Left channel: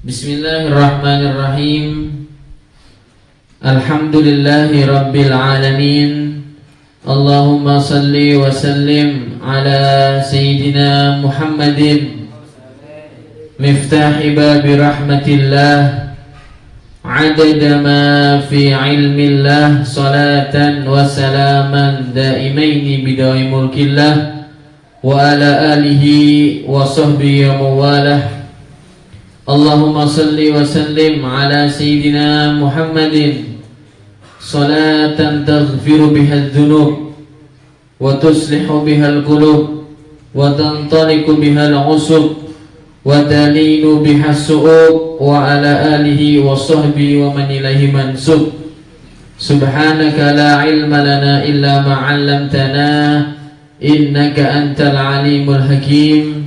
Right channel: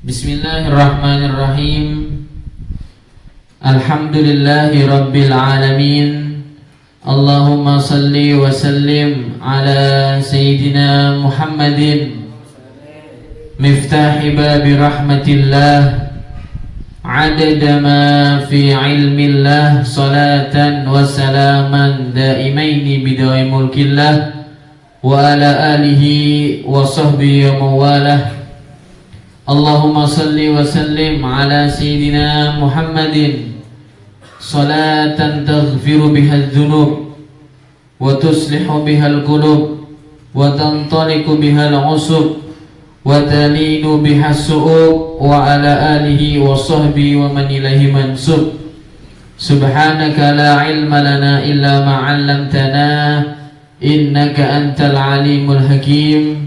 Bismillahirrahmanirrahim. Alhamdulillahi rabbil alamin. Allahumma salli wa sallim ala sayyidina Muhammadin miftahi babi rahmatillah adada ma fi ilmillah salatan wa salaman daimaini bidai mulkillah wa ala alihi wa sahbihi wa mawalah. Allahumma salli wa sallim ala sayyidina Muhammadin salatan taghfiru biha adh-dhunub wa tuslihu biha al-qulub wa tantaliqu biha al-usub wa talinu biha as-su'ub wa ala alihi wa sahbihi wa man ilaihi mansub. Subhanaka la ilma lana illa ma 'allamtana innaka antal alimul hakim.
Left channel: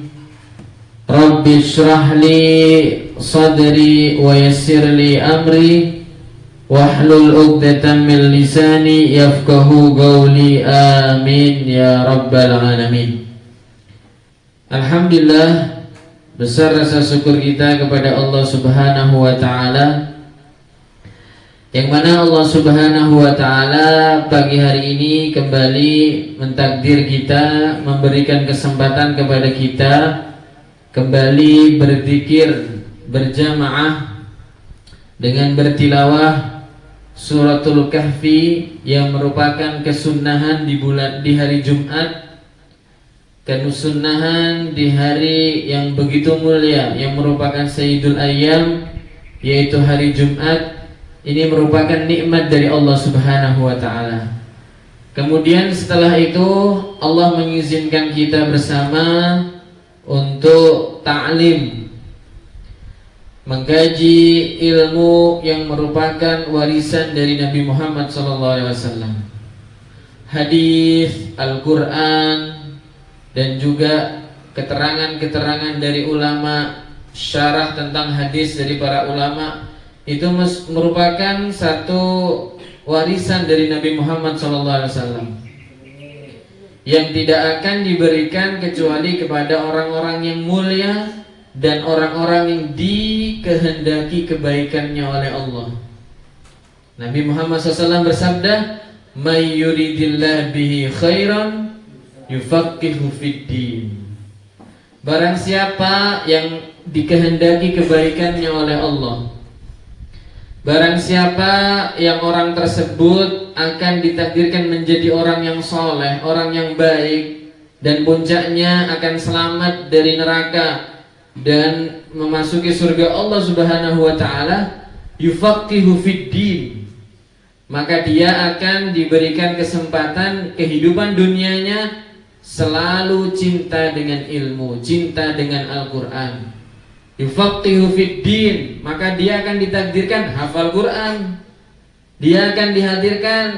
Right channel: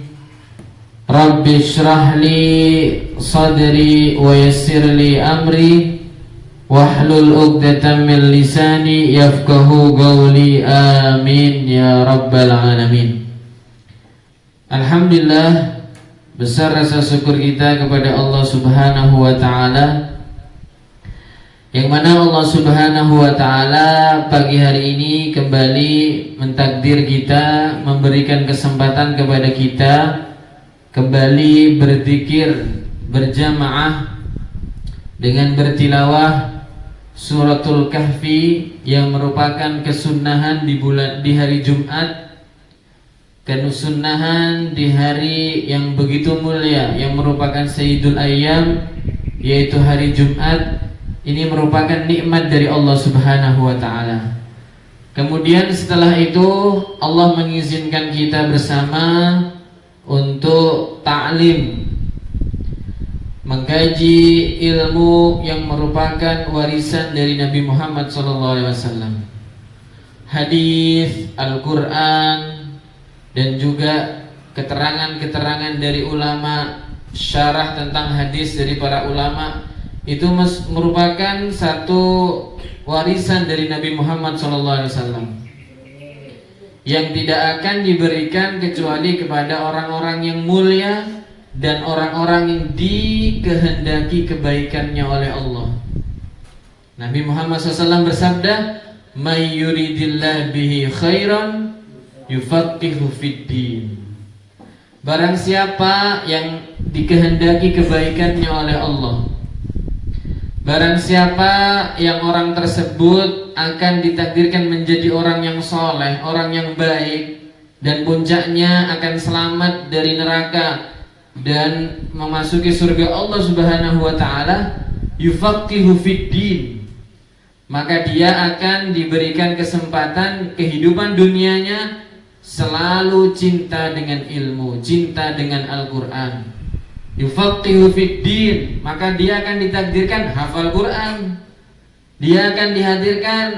Rabbi shrah li sadri wa yassir li amri wahlul 'uqdatam min lisani yafqahu qawli. Amin ya rabbal alamin. Alhamdulillah, besar rasa syukur kita kepada Allah Subhanahu wa taala, yang mana Allah Subhanahu wa taala pagi hari ini kembali mentakdir kita, memberikan kesempatan kepada kita kembali berzikir berjamaah dengan bertilawah Suratul Kahfi yang merupakan kesunahan di hari Jumat, kesunahan di hari yang begitu mulia yang merupakan Sayyidul Ayyam, yaitu hari Jumat. Ini merupakan nikmat dari Allah Subhanahu wa taala. Kemudian setelah itu Allah mengizinkan kita bersama untuk ta'lim, mengkaji ilmu yang merupakan warisan dari Nabi Muhammad SAW, hadis, Al-Quran, dan juga keterangan-keterangan dari ulama, syarah tentang hadis dari para ulama. Itu merupakan satu warisan dari Nabi Muhammad SAW yang tidak akan diberikan kecuali kepada orang-orang yang mulia dan orang-orang yang dikehendaki kebaikannya oleh Allah. Nabi Muhammad SAW bersabda, "May yuridillah bihi khairan yufaqihu fiddin." Barang siapa yang dikehendaki kebaikannya oleh Allah, barang siapa yang orang tersebut akan ditakdirkan menjadi orang yang soleh, orang yang baik, dan puncaknya akan selamat dari neraka dan memasuki surga Allah Subhanahu wa taala, yufaqihu fiddin, maka dia akan diberikan kesempatan kehidupan dunianya selalu cinta dengan ilmu, cinta dengan Al-Quran. Yufaqihu fiddin, maka dia akan ditakdirkan hafal Quran. Dia akan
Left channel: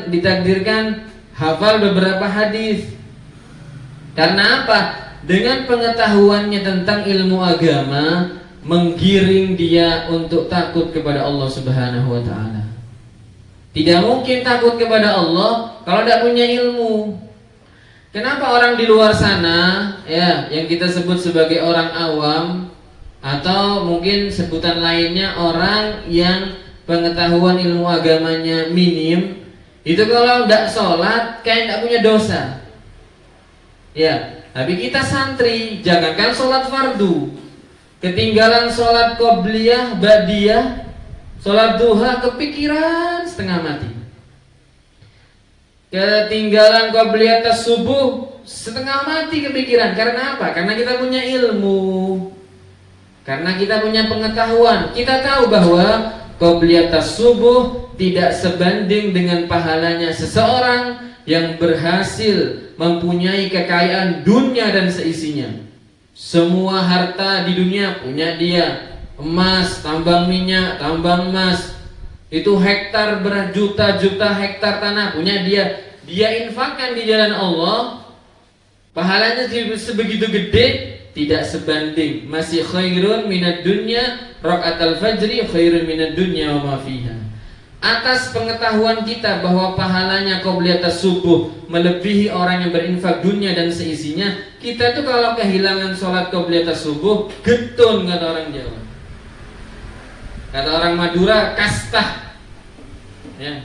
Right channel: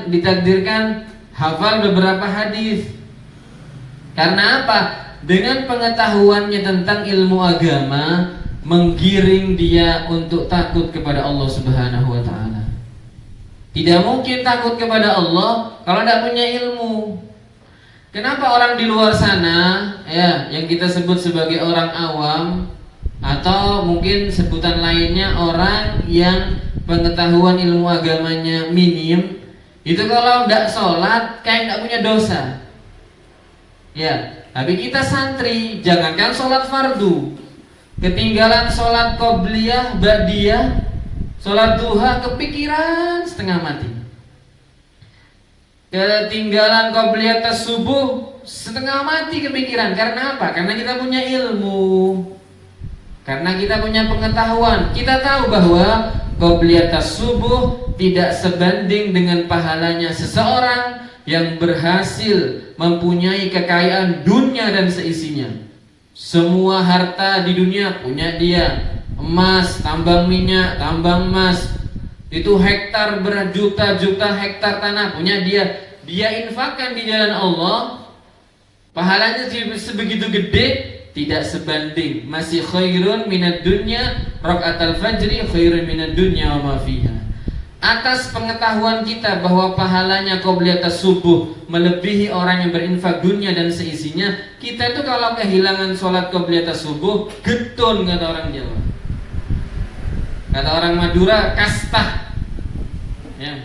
ditakdirkan hafal beberapa hadis. Karena apa? Dengan pengetahuannya tentang ilmu agama, menggiring dia untuk takut kepada Allah Subhanahu wa taala. Tidak mungkin takut kepada Allah kalau tidak punya ilmu. Kenapa orang di luar sana, ya, yang kita sebut sebagai orang awam, atau mungkin sebutan lainnya orang yang pengetahuan ilmu agamanya minim, itu kalau tidak sholat kayak tidak punya dosa. Ya, tapi kita santri, jangankan sholat fardu, ketinggalan sholat qobliyah, ba'diyah, sholat duha, kepikiran setengah mati. Ketinggalan qobliyah tas subuh, setengah mati kepikiran. Karena apa? Karena kita punya ilmu, karena kita punya pengetahuan. Kita tahu bahwa qobliyah tas subuh tidak sebanding dengan pahalanya seseorang yang berhasil mempunyai kekayaan dunia dan seisinya. Semua harta di dunia punya dia. Emas, tambang minyak, tambang emas, itu hektar berjuta-juta hektar tanah punya dia. Dia infakkan di jalan Allah, pahalanya sebegitu gede, tidak sebanding. Masih khairun minad dunya, rakaatul fajri khairun minad dunya wa ma fiha. Atas pengetahuan kita bahwa pahalanya qobliyatas subuh melebihi orang yang berinfak dunia dan seisinya, kita tuh kalau kehilangan sholat qobliyatas subuh getun, kata orang Jawa. Kata orang Madura, kastah. Ya.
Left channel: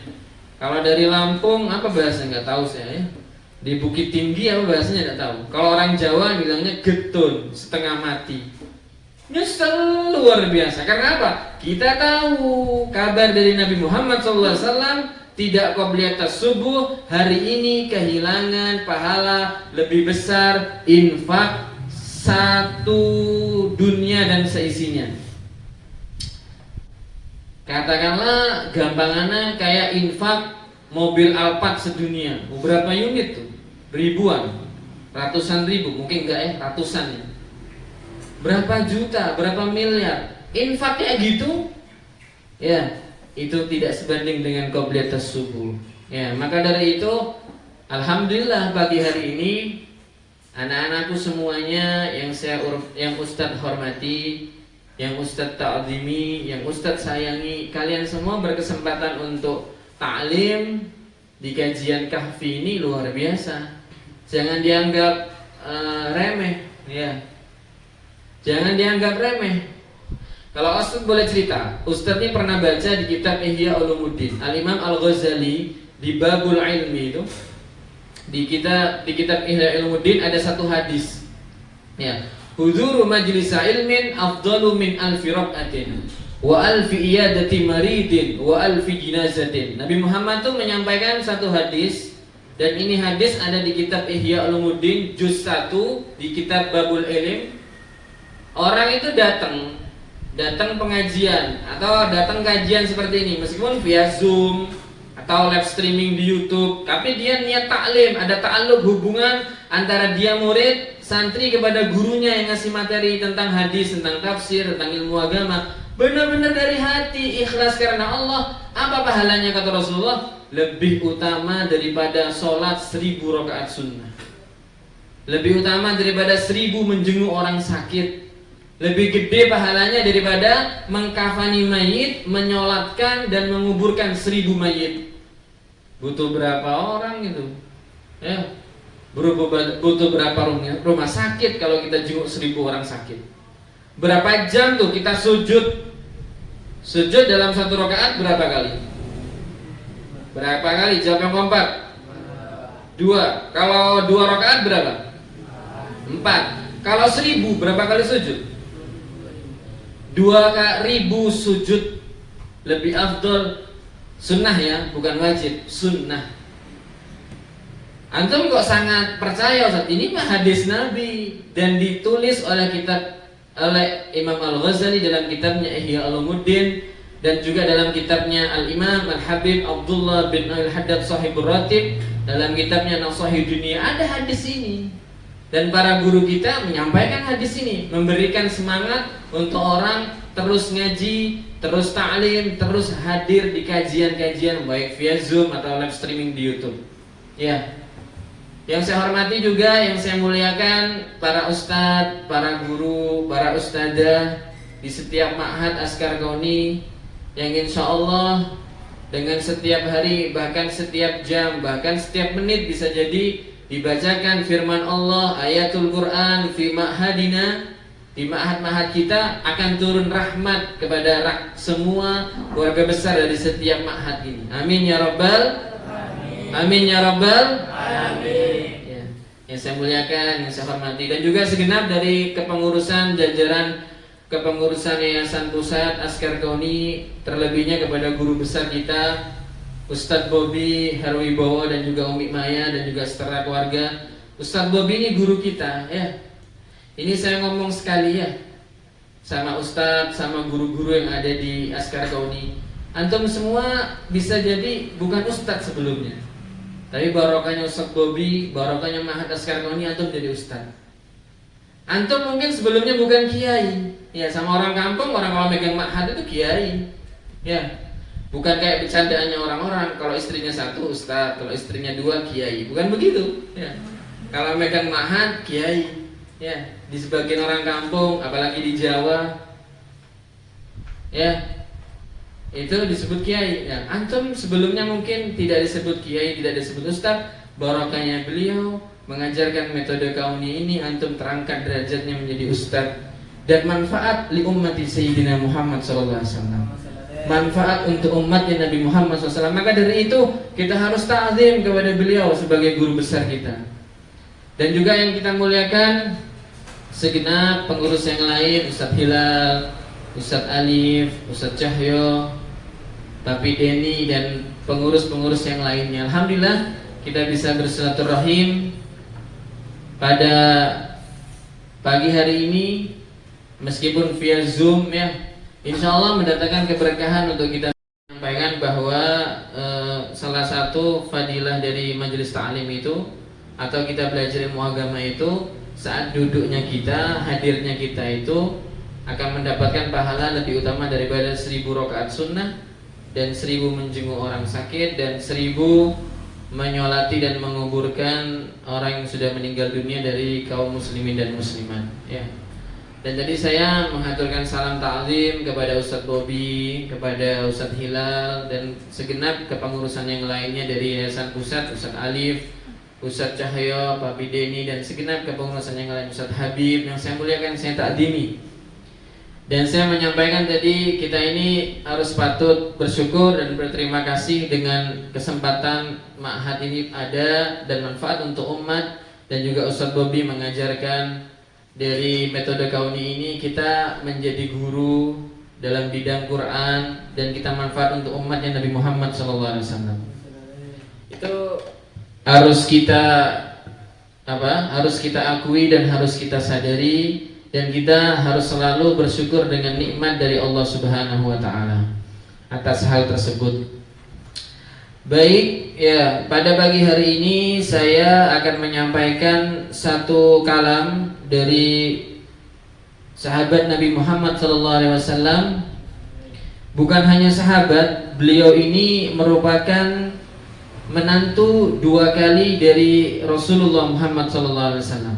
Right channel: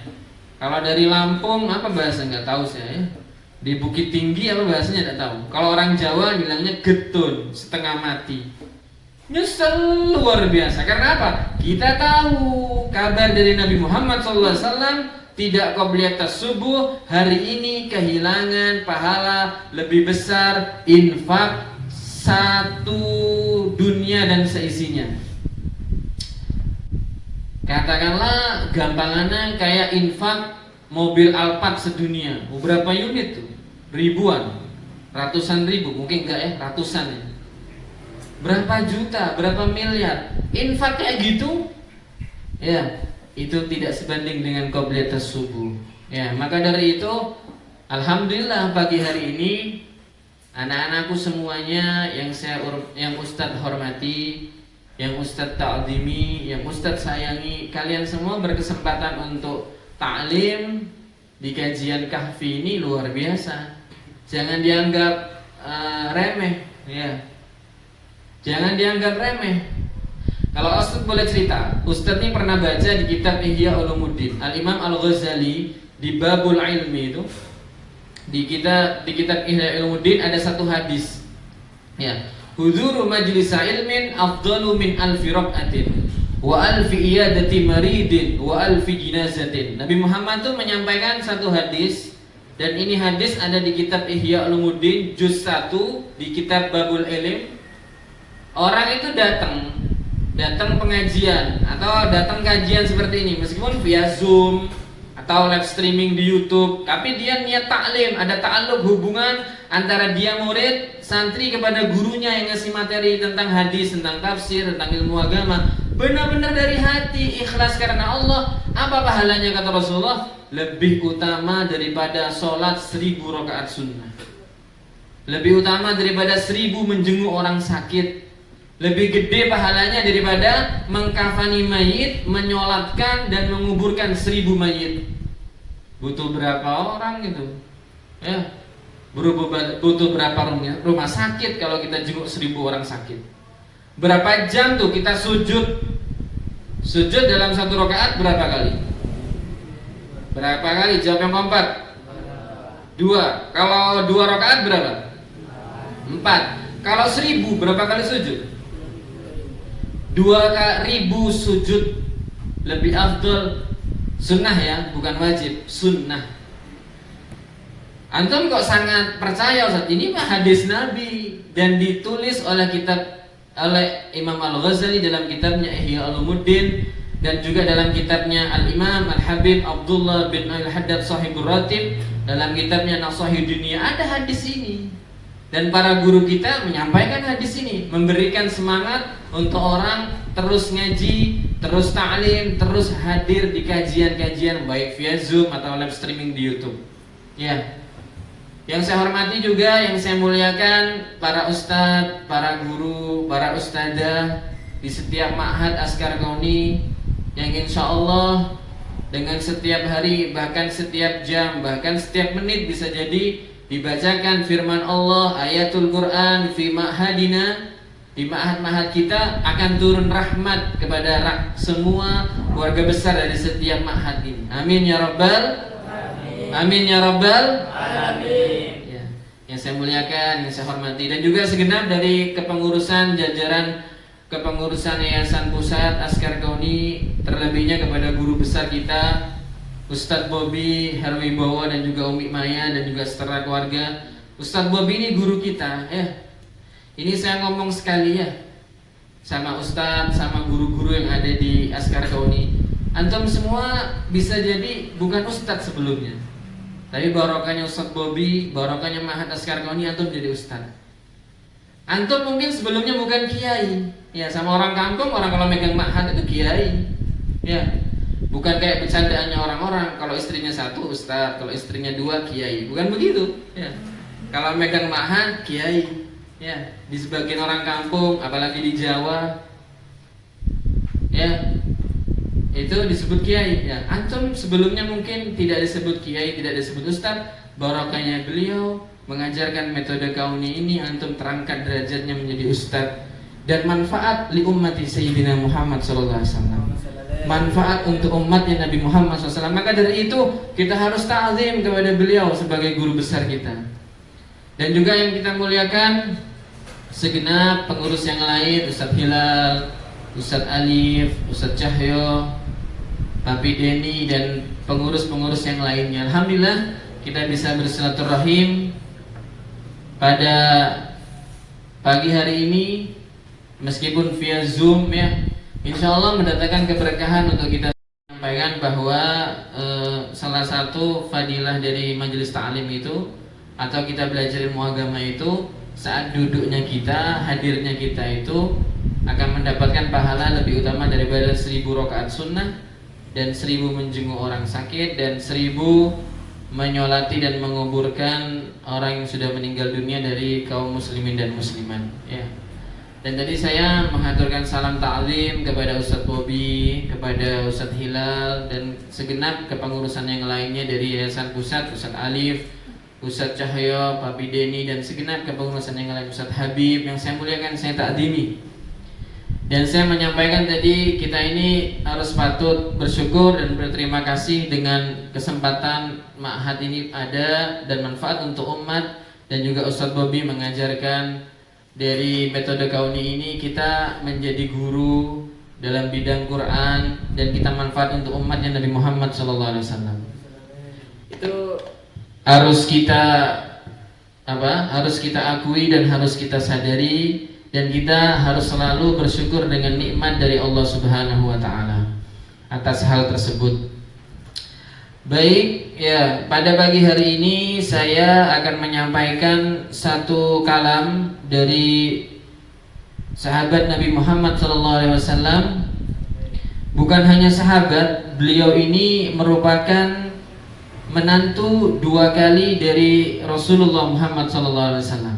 Kalau dari Lampung apa bahasa nggak tahu saya. Ya. Di Bukit Tinggi apa bahasanya nggak tahu. Kalau orang Jawa bilangnya getun, setengah mati. Nyesel luar biasa. Karena apa? Kita tahu kabar dari Nabi Muhammad SAW tidak qobliyat subuh, hari ini kehilangan pahala lebih besar infak satu dunia dan seisinya. Katakanlah gampangannya kayak infak mobil Alphard sedunia. Berapa unit tuh? Ribuan, ratusan ribu, mungkin enggak ya, ratusan ya. Berapa juta, berapa miliar infaknya gitu? Ya, itu tidak sebanding dengan qobliyat subuh. Ya, maka dari itu alhamdulillah pagi hari ini anak-anakku semuanya yang Ustadz hormati, yang Ustadz ta'zimi, yang Ustadz sayangi, kalian semua berkesempatan untuk ta'lim di kajian kahfi ini luar biasa. Jangan dianggap remeh, ya. Jangan dianggap remeh. Kalau Ustadz boleh cerita, Ustadz ini pernah baca di kitab Ihya Ulumuddin Al-Imam Al-Ghazali di Babul Ilmi itu, di kitab Ihya Ulumuddin ada satu hadis. Ya, huduru majlis ilmin afdalu min alfi rak'atin wa alfi iyadati maridin wa alfi jinazatin. Nabi Muhammad tuh menyampaikan satu hadis, dan ini hadis ada di kitab Ihya Ulumuddin juz 1 di kitab Babul Ilm. Orang itu datang pengajian atau datang kajian seperti ini meskipun via Zoom atau live streaming di YouTube, tapi dia niat taklim, ada ta'alluq hubungan antara dia murid, santri kepada gurunya yang ngasih materi tentang hadis, tentang tafsir, tentang ilmu agama, benar-benar dari hati, ikhlas karena Allah. Apa pahalanya kata Rasulullah? Lebih utama daripada sholat 1000 rakaat sunnah, lebih utama daripada 1000 menjenguk orang sakit, lebih gede pahalanya daripada mengkafani mayit, menyolatkan dan menguburkan 1000 mayit. Butuh berapa orang itu? Ya, butuh berapa rumah sakit kalau kita jenguk 1000 orang sakit? Berapa jam tuh kita sujud? Sujud dalam satu rakaat berapa kali? Berapa kali? Jawab yang kompak. 2. Kalau 2 rakaat berapa? 4. Kalau 1000 berapa kali sujud? 2000 sujud. Lebih afdol. Sunnah ya, bukan wajib. Sunnah. Antum kok sangat percaya Ustaz? Ini mah hadis Nabi dan ditulis oleh Imam Al-Ghazali dalam kitabnya Ihya Ulumuddin, dan juga dalam kitabnya Al-Imam Al-Habib Abdullah bin Al-Haddad Sahibur Ratib dalam kitabnya Nasahih Dunia ada hadis ini. Dan para guru kita menyampaikan hadis ini, memberikan semangat untuk orang terus ngaji, terus ta'lim, terus hadir di kajian-kajian baik via Zoom atau live streaming di YouTube. Ya. Yang saya hormati juga, yang saya muliakan para ustadz, para guru, para ustadzah di setiap ma'had Askar Kauni yang insya Allah dengan setiap hari, bahkan setiap jam, bahkan setiap menit bisa jadi dibacakan firman Allah, ayatul Quran fi ma'hadina, di ma'had-ma'had kita akan turun rahmat kepada semua keluarga besar dari setiap ma'had ini. Amin ya rabbal amin. Amin ya rabbal amin. Ya, yang saya muliakan, yang saya hormati, dan juga segenap dari kepengurusan jajaran kepengurusan Yayasan Pusat Askar Kauni, terlebihnya kepada guru besar kita Ustadz Bobi Herwibowo dan juga Umi Maya dan juga setelah keluarga. Ustadz Bobi ini guru kita ya. Ini saya ngomong sekali ya sama Ustadz, sama guru-guru yang ada di Askar Kauni. Antum semua bisa jadi bukan Ustadz sebelumnya, tapi barokahnya Ustadz Bobi, barokahnya Ma'had Askar Kauni, antum jadi Ustadz. Antum mungkin sebelumnya bukan kiai. Ya, sama orang kampung, orang kalau megang Ma'had itu kiai. Ya. Bukan kayak bercandaannya orang-orang, kalau istrinya satu ustadz, kalau istrinya 2 kiai, bukan begitu ya. Kalau megang ma'had kiai ya, di sebagian orang kampung apalagi di Jawa ya, itu disebut kiai ya. Antum sebelumnya mungkin tidak disebut kiai, tidak disebut ustadz. Barokahnya beliau mengajarkan metode kauni ini, antum terangkat derajatnya menjadi ustadz. dan manfaat li ummati Sayyidina Muhammad sallallahu alaihi wasallam. Manfaat untuk umatnya Nabi Muhammad SAW. Maka dari itu kita harus ta'zim kepada beliau sebagai guru besar kita. Dan juga yang kita muliakan segenap pengurus yang lain, Ustadz Hilal, Ustadz Alif, Ustadz Cahyo, Papi Deni, dan pengurus-pengurus yang lainnya. Alhamdulillah kita bisa bersilaturahim pada pagi hari ini meskipun via Zoom ya. Insya Allah mendatangkan keberkahan untuk kita sampaikan bahwa salah satu fadilah dari majelis ta'lim itu atau kita belajar ilmu agama itu, saat duduknya kita, hadirnya kita itu akan mendapatkan pahala lebih utama daripada 1000 rakaat sunnah dan 1000 menjenguk orang sakit dan 1000 menyolati dan menguburkan orang yang sudah meninggal dunia dari kaum muslimin dan muslimat ya. Dan tadi saya mengaturkan salam ta'lim kepada Ustadz Bobi, kepada Ustadz Hilal, dan segenap kepengurusan yang lainnya dari Yayasan Pusat, Ustadz Alif, Ustadz Cahyo, Papi Deni, dan segenap kepengurusan yang lain, Ustadz Habib, yang saya muliakan, saya ta'zimi. Dan saya menyampaikan tadi kita ini harus patut bersyukur dan berterima kasih dengan kesempatan ma'had ini ada dan manfaat untuk umat. Dan juga Ustadz Bobi mengajarkan dari metode kauni ini kita menjadi guru dalam bidang Quran dan kita manfaat untuk umatnya Nabi Muhammad SAW. Itu harus kita akui dan harus kita sadari, dan kita harus selalu bersyukur dengan nikmat dari Allah Subhanahu wa taala atas hal tersebut. Baik ya, pada pagi hari ini saya akan menyampaikan satu kalam dari sahabat Nabi Muhammad SAW. Bukan hanya sahabat, beliau ini merupakan menantu 2 kali dari Rasulullah Muhammad SAW.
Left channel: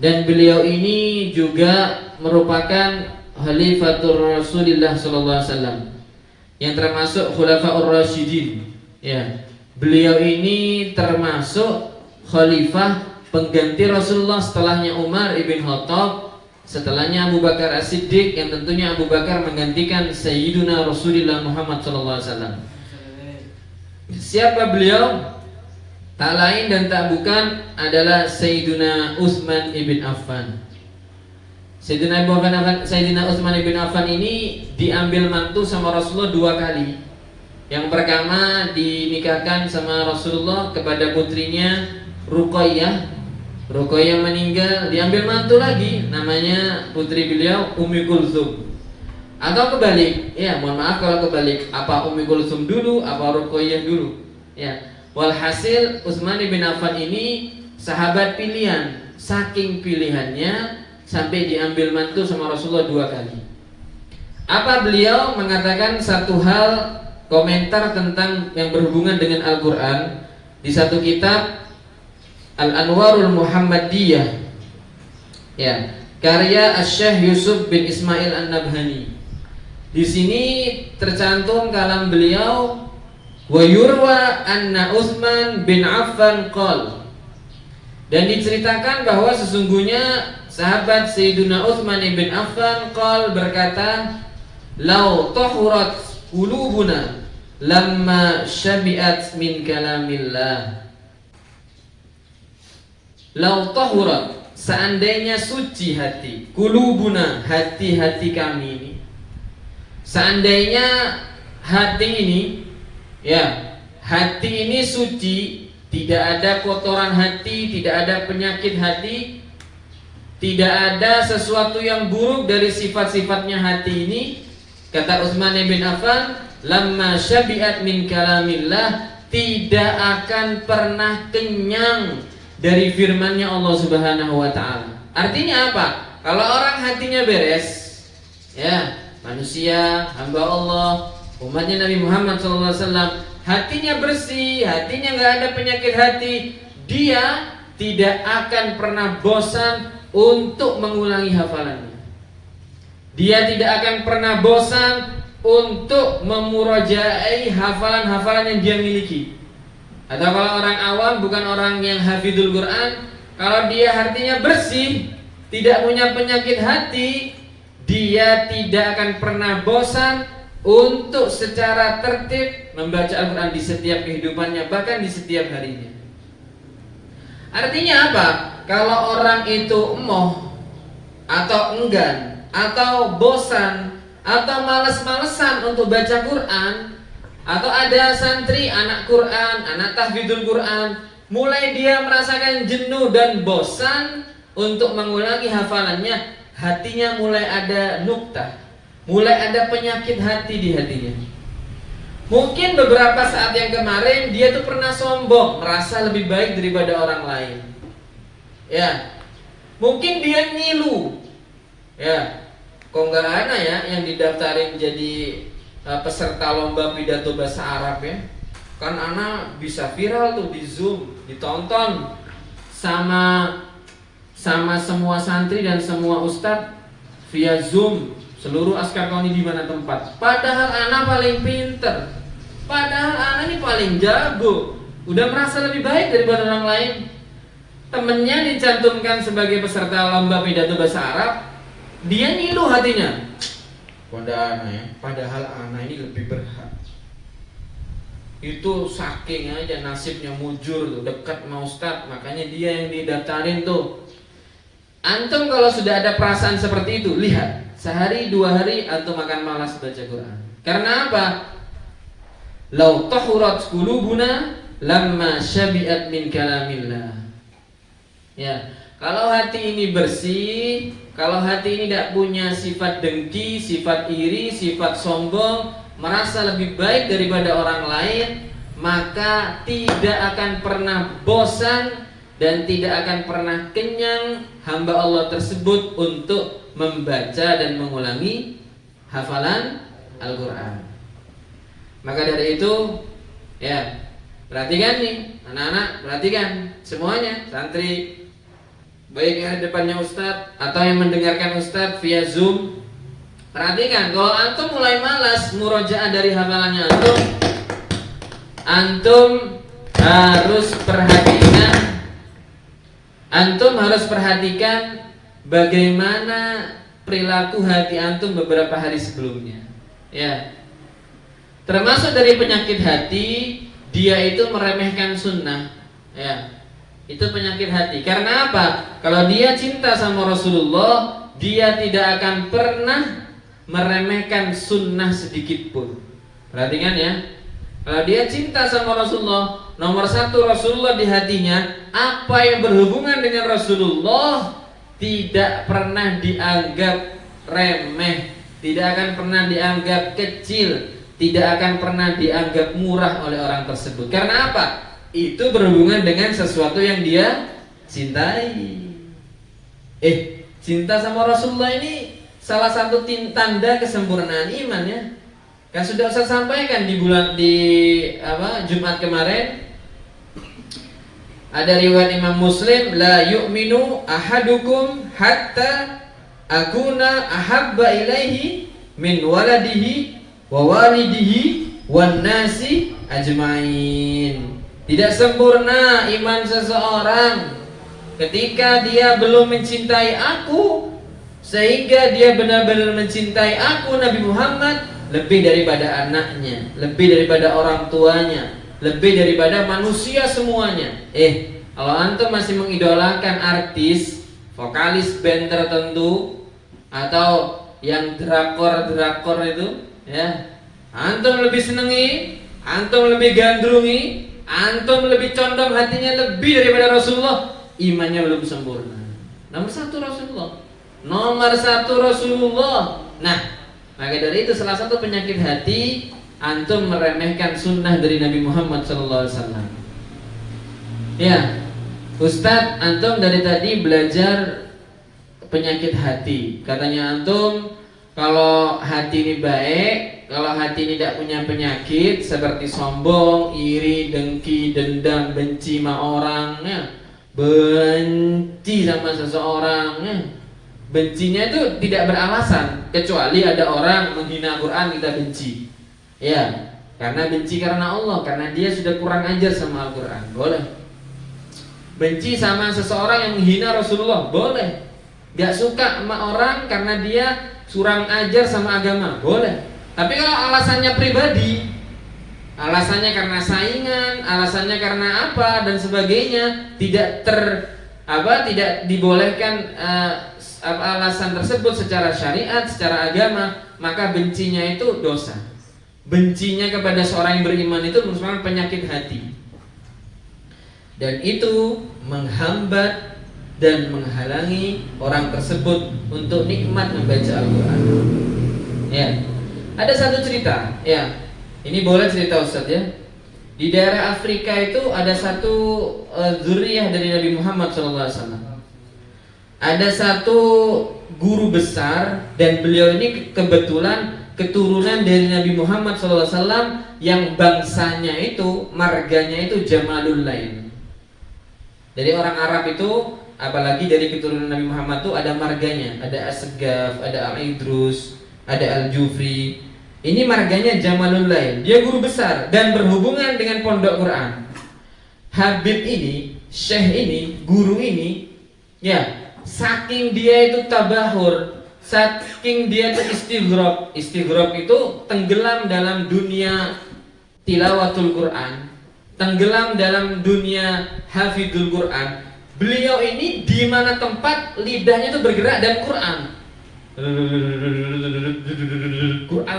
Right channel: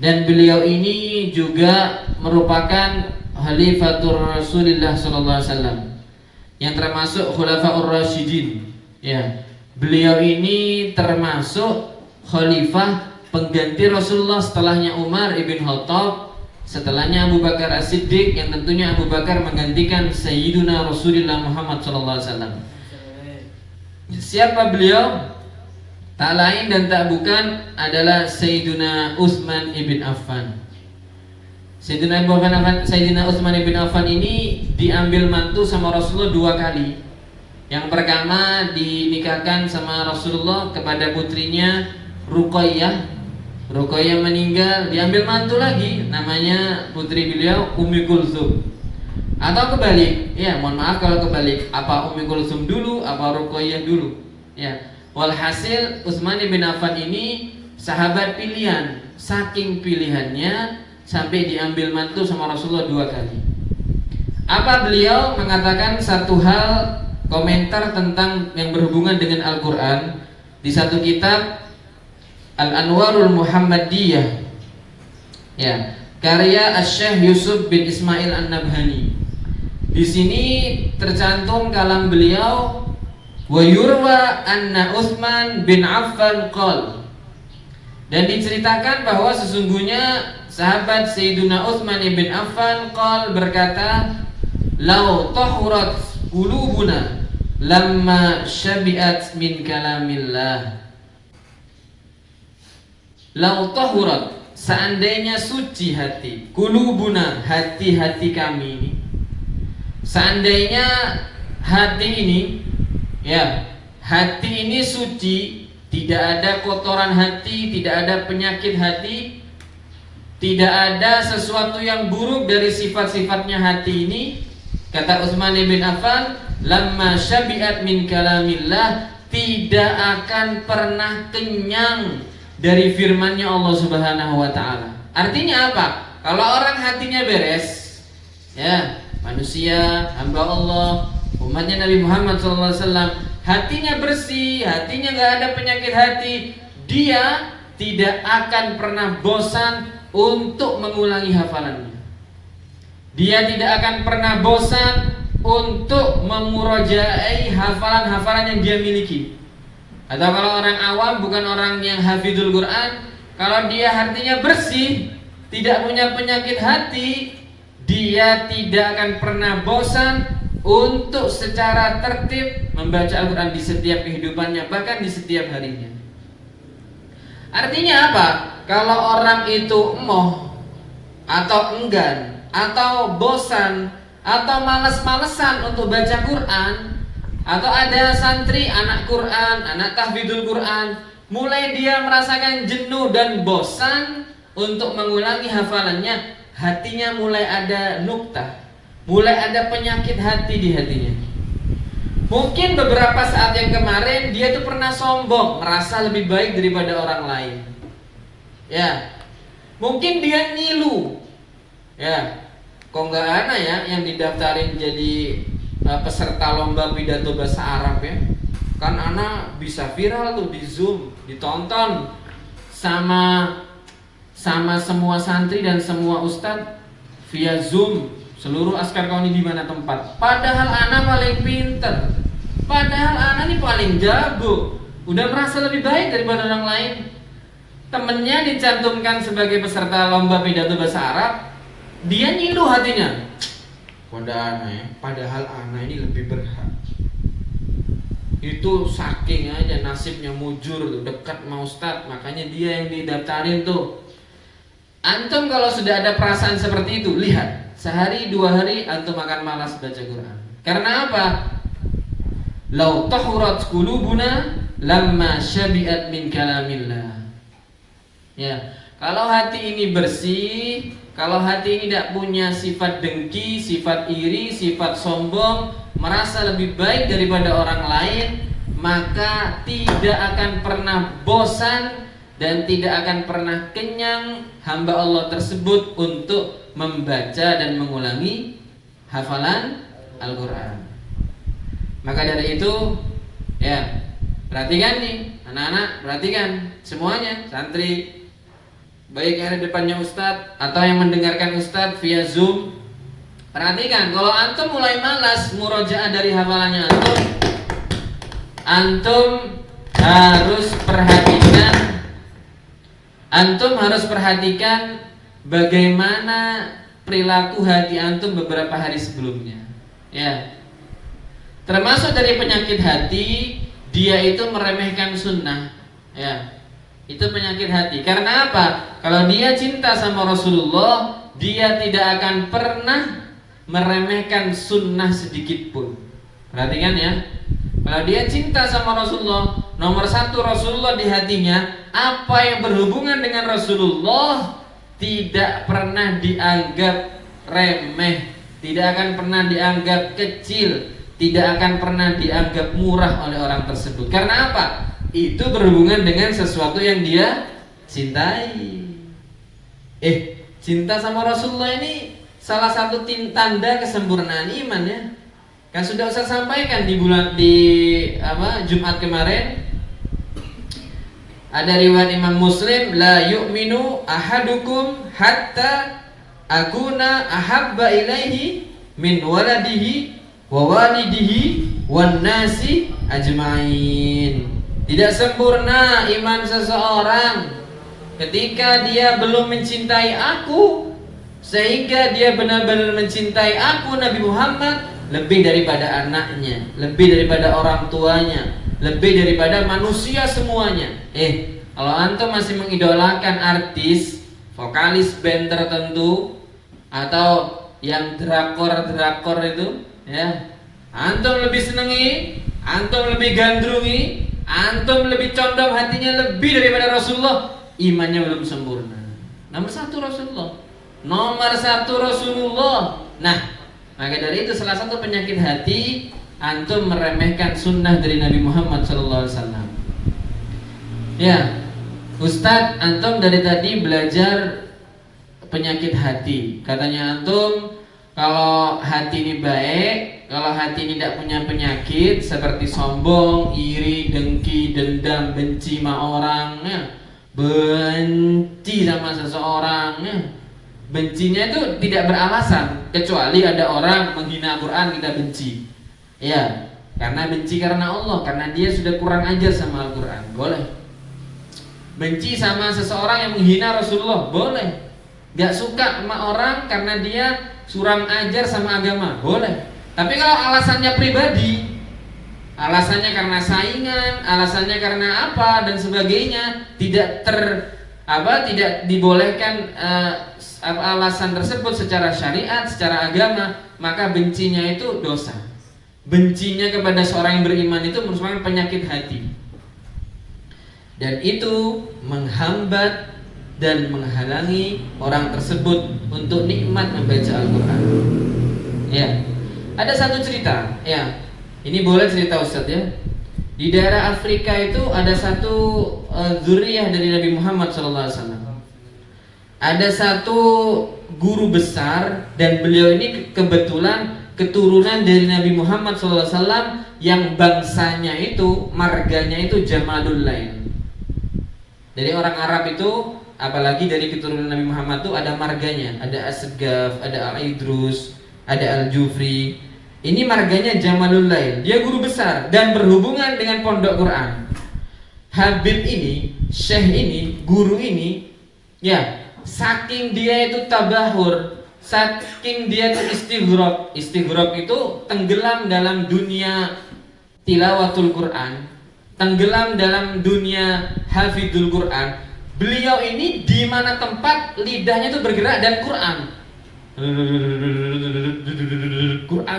Dan beliau ini juga merupakan Khalifatur Rasulullah SAW, yang termasuk Khulafaur Rasyidin. Ya, beliau ini termasuk khalifah pengganti Rasulullah setelahnya Umar ibn Khattab, setelahnya Abu Bakar As-Siddiq, yang tentunya Abu Bakar menggantikan Sayyiduna Rasulullah Muhammad SAW. Siapa beliau? Tak lain dan tak bukan adalah Sayyiduna Utsman ibn Affan. Sayyidina Utsman ibn Affan ini diambil mantu sama Rasulullah 2 kali. Yang pertama dinikahkan sama Rasulullah kepada putrinya Ruqayyah. Ruqayyah meninggal, diambil mantu lagi, namanya putri beliau Ummi Kulsum. Atau kebalik, ya mohon maaf kalau kebalik, apa Ummi Kulsum dulu, apa Ruqayyah dulu. Ya, walhasil Utsman ibn Affan ini sahabat pilihan, saking pilihannya sampai diambil mantu sama Rasulullah 2 kali. Apa beliau mengatakan satu hal, komentar tentang yang berhubungan dengan Al-Quran di satu kitab Al-Anwarul Muhammadiyah ya, karya Asy-Syaikh Yusuf bin Ismail An-Nabhani. Di sini tercantum kalam beliau, wa yurwa anna Utsman bin Affan qol, dan diceritakan bahwa sesungguhnya sahabat Sayyiduna Utsman bin Affan qol berkata, lau tahurat qulubuna lamma syabi'at min kalamillah. Lau tahurat, seandainya suci hati, qulubuna, hati-hati kami ini, seandainya hati ini ya, hati ini suci, tidak ada kotoran hati, tidak ada penyakit hati, tidak ada sesuatu yang buruk dari sifat-sifatnya hati ini. Kata Utsman bin Affan, lamma syabi'at min kalamillah, tidak akan pernah kenyang dari firman-Nya Allah Subhanahu wa taala. Artinya apa? Kalau orang hatinya beres, ya, manusia, hamba Allah, umatnya Nabi Muhammad SAW, hatinya bersih, hatinya nggak ada penyakit hati, dia tidak akan pernah bosan untuk mengulangi hafalannya. Dia tidak akan pernah bosan untuk memurajaai hafalan-hafalan yang dia miliki. Atau kalau orang awam, bukan orang yang hafidul Quran, kalau dia hatinya bersih, tidak punya penyakit hati, dia tidak akan pernah bosan untuk secara tertib membaca Al-Quran di setiap kehidupannya, bahkan di setiap harinya. Artinya apa? Kalau orang itu emoh atau enggan atau bosan atau malas-malesan untuk baca Quran, atau ada santri anak Quran, anak tahfidzul Quran, mulai dia merasakan jenuh dan bosan untuk mengulangi hafalannya, hatinya mulai ada nuktah, mulai ada penyakit hati di hatinya. Mungkin beberapa saat yang kemarin dia tuh pernah sombong, merasa lebih baik daripada orang lain. Ya, mungkin dia ngilu. Ya, kok nggak ada ya yang didaftarin jadi peserta lomba pidato bahasa Arab ya? Kan anak bisa viral tuh di Zoom, ditonton sama semua santri dan semua ustadz via Zoom, seluruh askar kauni di mana tempat. Padahal anak paling pinter, padahal anak ini paling jago, udah merasa lebih baik daripada orang lain. Temennya dicantumkan sebagai peserta lomba pidato bahasa Arab, dia ngilu hatinya. Pada anak ya, padahal anak ini lebih berhak. Itu saking aja nasibnya mujur tuh, dekat sama ustadz, makanya dia yang didaftarin tuh. Antum kalau sudah ada perasaan seperti itu, lihat, sehari dua hari antum akan malas baca Quran. Karena apa? Lau tahurat qulubuna lamma syabi'at min kalamillah. Ya, kalau hati ini bersih, kalau hati ini tidak punya sifat dengki, sifat iri, sifat sombong, merasa lebih baik daripada orang lain, maka tidak akan pernah bosan dan tidak akan pernah kenyang hamba Allah tersebut untuk membaca dan mengulangi hafalan Al-Quran. Maka dari itu, ya, perhatikan nih anak-anak, perhatikan semuanya, santri, baik yang ada depannya ustadz atau yang mendengarkan ustadz via Zoom. Perhatikan, kalau antum mulai malas murojaah dari hafalannya antum harus perhatikan bagaimana perilaku hati antum beberapa hari sebelumnya. Ya, termasuk dari penyakit hati, dia itu meremehkan sunnah. Ya, itu penyakit hati. Karena apa? Kalau dia cinta sama Rasulullah, dia tidak akan pernah meremehkan sunnah sedikit pun. Perhatikan ya. Kalau dia cinta sama Rasulullah, nomor satu Rasulullah di hatinya, apa yang berhubungan dengan Rasulullah tidak pernah dianggap remeh, tidak akan pernah dianggap kecil, tidak akan pernah dianggap murah oleh orang tersebut. Karena apa? Itu berhubungan dengan sesuatu yang dia cintai. Cinta sama Rasulullah ini salah satu tanda kesempurnaan iman ya. Kan sudah saya sampaikan di Jumat kemarin, ada riwayat Imam Muslim, la yu'minu ahadukum hatta akuna ahabba ilaihi min waladihi wa walidihi wan nasi ajmain. Tidak sempurna iman seseorang ketika dia belum mencintai aku, sehingga dia benar-benar mencintai aku Nabi Muhammad lebih daripada anaknya, lebih daripada orang tuanya, lebih daripada manusia semuanya. Kalau antum masih mengidolakan artis, vokalis band tertentu, atau yang drakor itu, ya, antum lebih senengi, antum lebih gandrungi, antum lebih condong hatinya lebih daripada Rasulullah, imannya belum sempurna. Nomor satu Rasulullah. Nah, maka dari itu salah satu penyakit hati, antum meremehkan sunnah dari Nabi Muhammad SAW. Ya, Ustadz, antum dari tadi belajar penyakit hati. Katanya antum, kalau hati ini baik, kalau hati ini tidak punya penyakit seperti sombong, iri, dengki, dendam, benci sama orang, ya, benci sama seseorang, ya. Bencinya itu tidak beralasan, kecuali ada orang menghina Al-Quran kita benci. Ya, karena benci karena Allah, karena dia sudah kurang ajar sama Al-Quran, boleh. Benci sama seseorang yang menghina Rasulullah, boleh. Gak suka sama orang karena dia kurang ajar sama agama, boleh. Tapi kalau alasannya pribadi, alasannya karena saingan, alasannya karena apa dan sebagainya, tidak dibolehkan alasan tersebut secara syariat, secara agama, maka bencinya itu dosa. Bencinya kepada seorang yang beriman itu merupakan penyakit hati, dan itu menghambat dan menghalangi orang tersebut untuk nikmat membaca Al-Quran. Ya, ada satu cerita. Ya, ini boleh cerita Ustadz ya. Di daerah Afrika itu ada satu zuriyah dari Nabi Muhammad SAW. Ada satu guru besar dan beliau ini kebetulan keturunan dari Nabi Muhammad SAW yang bangsanya itu, marganya itu Jamalul Lain. Dari orang Arab itu, apalagi dari keturunan Nabi Muhammad itu ada marganya, ada As-Segaf, ada Al-Idrus, ada Al-Jufri. Ini marganya Jamalul Lain. Dia guru besar dan berhubungan dengan pondok Quran. Habib ini, syekh ini, guru ini, ya, saking dia itu tabahur, saking dia itu istighraq. Istighraq itu tenggelam dalam dunia tilawatul Quran, tenggelam dalam dunia hafidul Quran. Beliau ini di mana tempat lidahnya itu bergerak dan Quran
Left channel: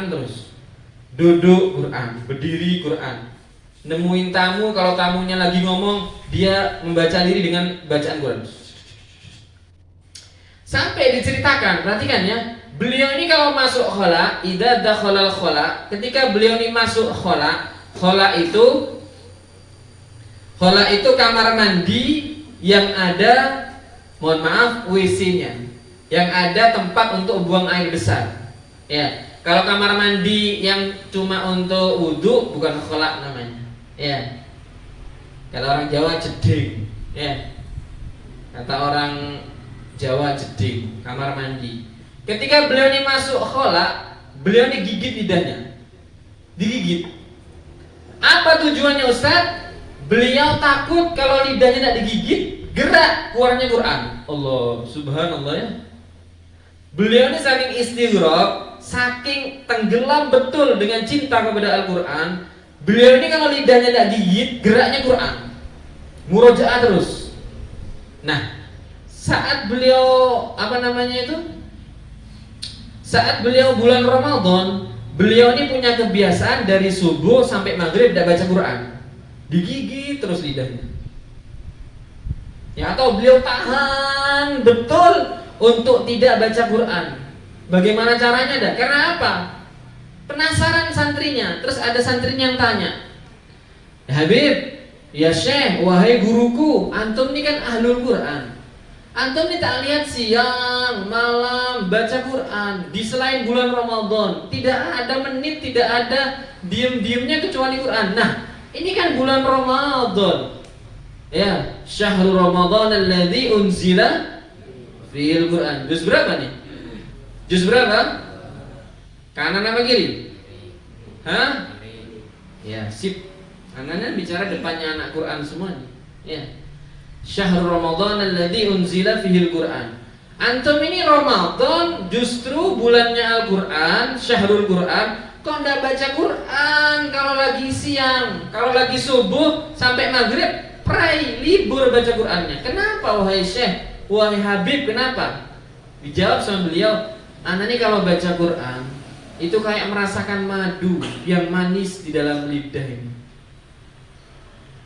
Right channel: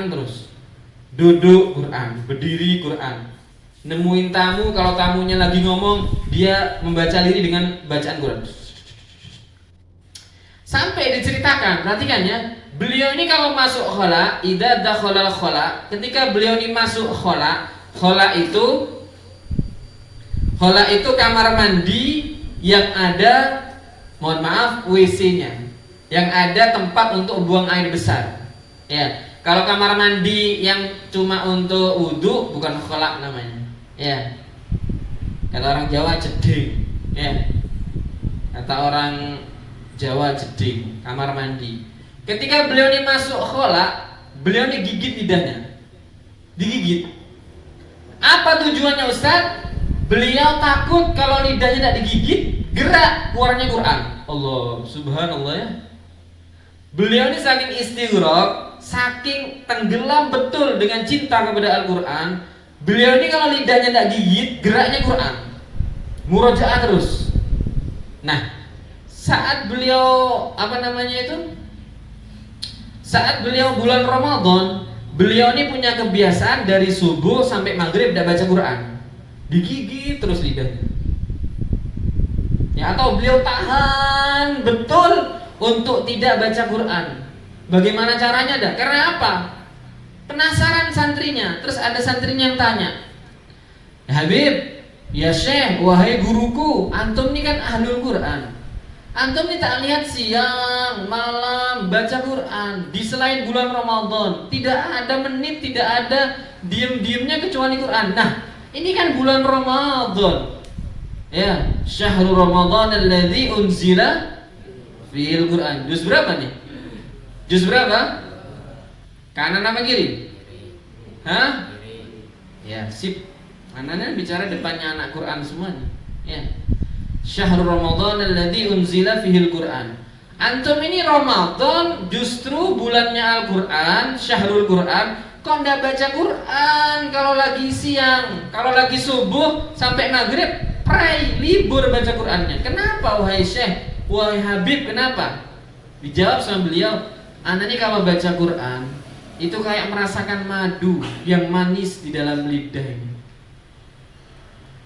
terus. Duduk Quran, berdiri Quran. Nemuin tamu, kalau tamunya lagi ngomong, dia membaca diri dengan bacaan Quran. Sampai diceritakan, perhatikan ya, beliau ini kalau masuk khola, idza dakhala khola, ketika beliau ini masuk khola itu kamar mandi yang ada, mohon maaf, WC-nya, yang ada tempat untuk buang air besar. Ya, kalau kamar mandi yang cuma untuk wudhu bukan khola namanya. Ya, kata orang Jawa jeding. Ya, kata orang Jawa jeding, kamar mandi. Ketika beliau ini masuk khola, beliau ini gigit lidahnya, digigit. Apa tujuannya Ustaz? Beliau takut kalau lidahnya tidak digigit, gerak keluarnya Quran. Allah, subhanallah ya. Beliau ini saking istighraq, saking tenggelam betul dengan cinta kepada Al-Quran. Beliau ini kalau lidahnya tidak gigit, geraknya Quran, murojaah terus. Nah, saat beliau saat beliau bulan Ramadan, beliau ini punya kebiasaan dari subuh sampai maghrib tidak baca Quran, digigit terus lidahnya. Ya, atau beliau tahan betul untuk tidak baca Quran. Bagaimana caranya dah? Karena apa? Penasaran santrinya. Terus ada santrinya yang tanya, ya Habib, ya Syekh, wahai guruku, antum ini kan ahlul Quran. Antum ini tak lihat siang, malam baca Quran di selain bulan Ramadan. Tidak ada menit, tidak ada diem-diemnya kecuali Quran. Nah, ini kan bulan Ramadan. Ya, syahrul Ramadan alladzi unzila fihil Quran. Juz berapa nih? Juz berapa? Kanan apa kiri? Hah? Ya, sip. Kanan bicara depannya anak Quran semua nih. Ya. Syahrul Ramadan alladzi unzila fihil Quran. Antum ini Ramadan justru bulannya Al-Quran, syahrul Quran. Kok enggak baca Quran kalau lagi siang, kalau lagi subuh sampai maghrib, pray, libur baca Qurannya. Kenapa wahai Syekh, wahai Habib, kenapa? Dijawab sama beliau, ana ini kalau baca Quran itu kayak merasakan madu yang manis di dalam lidah ini.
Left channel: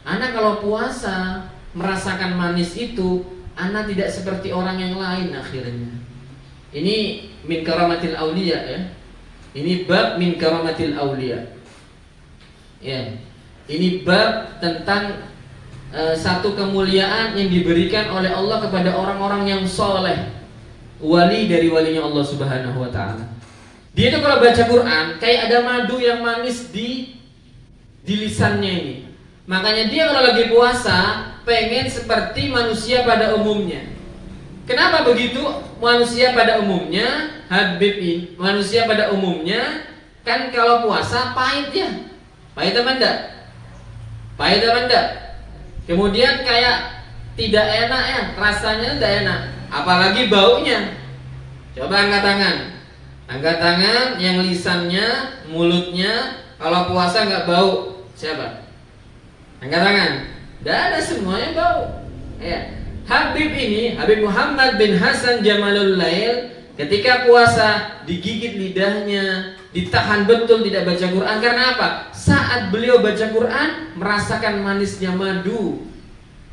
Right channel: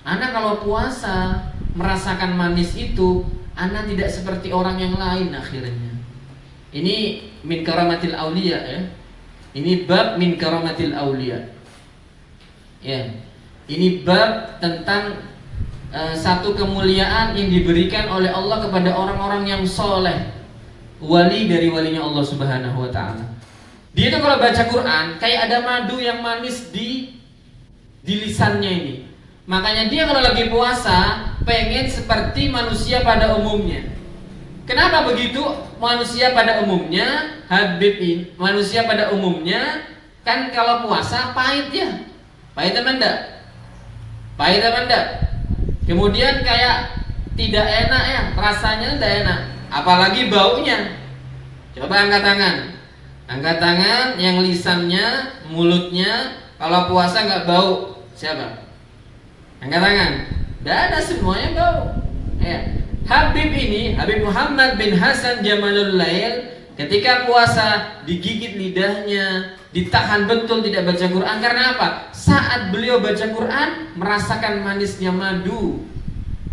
Ana kalau puasa merasakan manis itu, ana tidak seperti orang yang lain akhirnya. Ini min karamatil auliya ya. Ini bab min karamatil auliya. Ya. Ini bab tentang satu kemuliaan yang diberikan oleh Allah kepada orang-orang yang soleh, wali dari walinya Allah Subhanahu wa taala. Dia itu kalau baca Quran kayak ada madu yang manis di lisannya ini. Makanya dia kalau lagi puasa pengen seperti manusia pada umumnya. Kenapa begitu? Manusia pada umumnya, Habib ini, manusia pada umumnya kan kalau puasa pahit ya. Pahit apa enggak? Pahit apa enggak? Kemudian kayak tidak enak ya, rasanya tidak enak. apalagi baunya. Coba angkat tangan. Angkat tangan yang lisannya, mulutnya kalau puasa nggak bau. Siapa? Angkat tangan. Tidak ada, semuanya bau. Ya. Habib Muhammad bin Hasan Jamalul Lail ketika puasa digigit lidahnya, ditahan betul tidak baca Quran. Karena apa? Saat beliau baca Quran merasakan manisnya madu,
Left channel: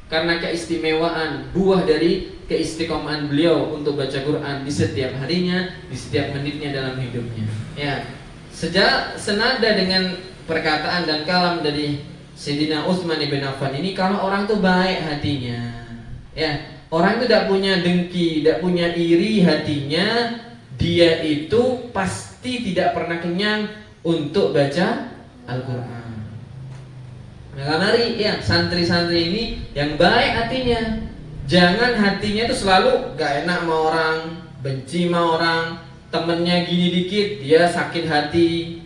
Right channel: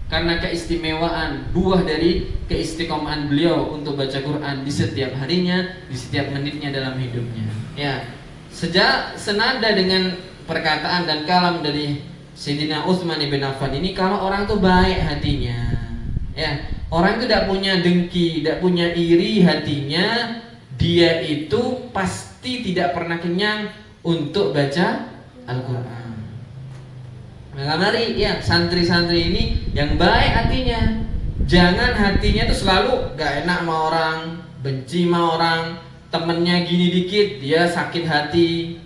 karena keistimewaan buah dari keistiqomahan beliau untuk baca Quran di setiap harinya, di setiap menitnya dalam hidupnya. Ya, senada dengan perkataan dan kalam dari Sayyidina Utsman bin Affan ini, kalau orang tuh baik hatinya, ya, orang itu tidak punya dengki, tidak punya iri hatinya, dia itu pasti tidak pernah kenyang untuk baca Al-Quran. Maka mari ya santri-santri ini yang baik hatinya, jangan hatinya itu selalu gak enak sama orang, benci sama orang, temennya gini dikit dia sakit hati,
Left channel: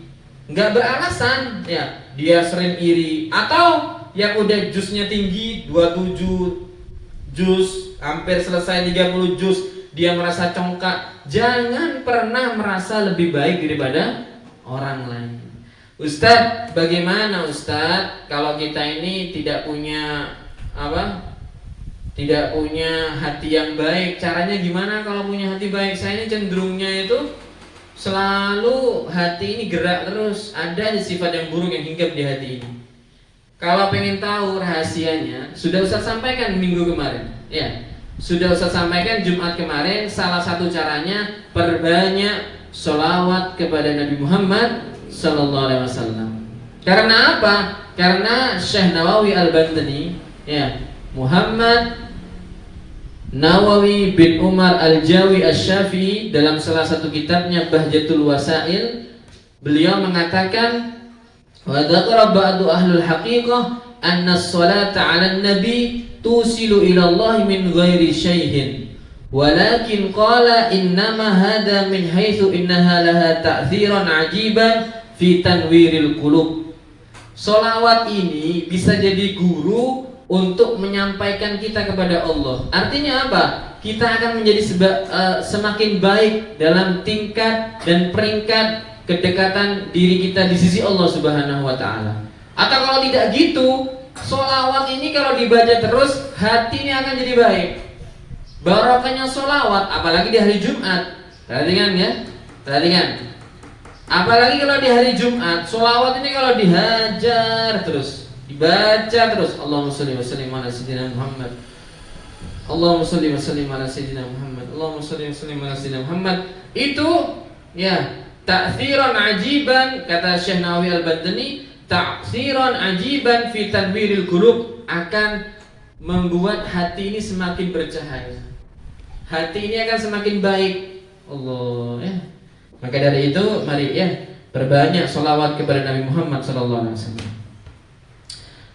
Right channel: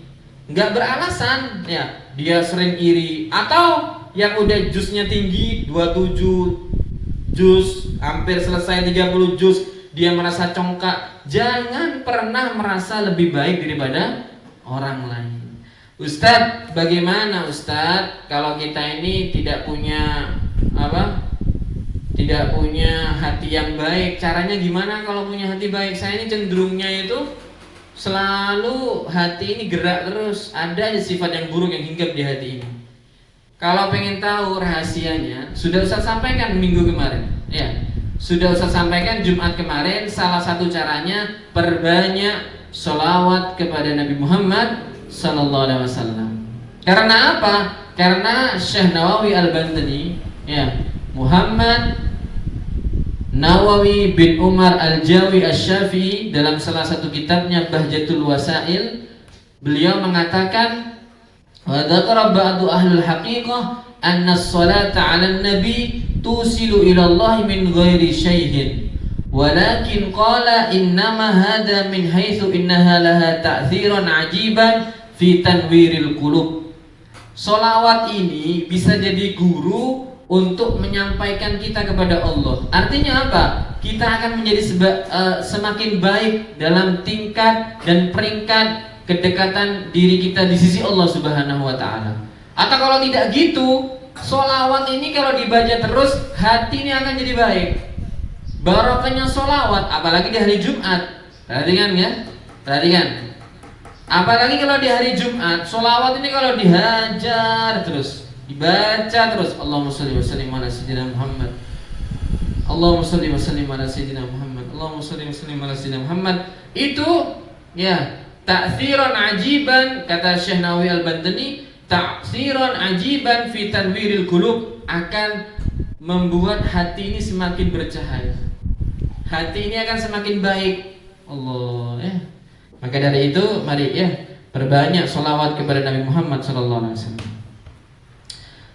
nggak beralasan ya, dia sering iri. Atau yang udah jusnya tinggi 27 jus, hampir selesai 30 jus, dia merasa congkak. Jangan pernah merasa lebih baik daripada orang lain. Ustadz, bagaimana Ustadz kalau kita ini tidak punya tidak punya hati yang baik? Caranya gimana kalau punya hati baik? Saya ini cenderungnya itu selalu hati ini gerak terus, ada sifat yang buruk yang hinggap di hati ini. Kalau pengen tahu rahasianya, sudah Ustaz sampaikan minggu kemarin. Ya, sudah Ustaz sampaikan Jumat kemarin. Salah satu caranya perbanyak sholawat kepada Nabi Muhammad Sallallahu Alaihi Wasallam. Karena apa? Karena Syekh Nawawi Al-Bantani, ya, Muhammad Nawawi bin Umar Al-Jawi Asy-Syafi'i dalam salah satu kitabnya Bahjatul Wasail, beliau mengatakan, wa dzakara ba'du ahlul haqiqah anna as-salata 'alan nabi tusilu ila Allah min ghairi syai'in, walakin qala innama hadha min haitsu innaha laha ta'thiran 'ajiban fi tanwiril qulub. Sholawat ini bisa jadi guru untuk menyampaikan kita kepada Allah. Artinya apa? Kita akan menjadi semakin baik dalam tingkat dan peringkat kedekatan diri kita di sisi Allah Subhanahu wa Ta'ala. Atau kalau tidak gitu, sholawat ini kalau dibaca terus, hati ini akan jadi baik. Barokahnya sholawat, apalagi di hari Jumat. Perhatikan ya, perhatikan. Apalagi kalau di hari Jumat, sholawat ini kalau dihajar terus, dibaca terus, Allahumma sholli wa sallim ala sayyidina Muhammad, Allahumma sholli wa sallim ala sayyidina Muhammad, Allahumma sholli wa sallim ala sayyidina Muhammad. Itu ya ta'tsiran ajiban, kata Syekh Nawawi Al-Bantani, ta'tsiran ajiban fi tanwiril qulub, akan membuat hati ini semakin bercahaya. Hati ini akan semakin baik. Allah ya. Maka dari itu mari ya perbanyak sholawat kepada Nabi Muhammad sallallahu alaihi wasallam.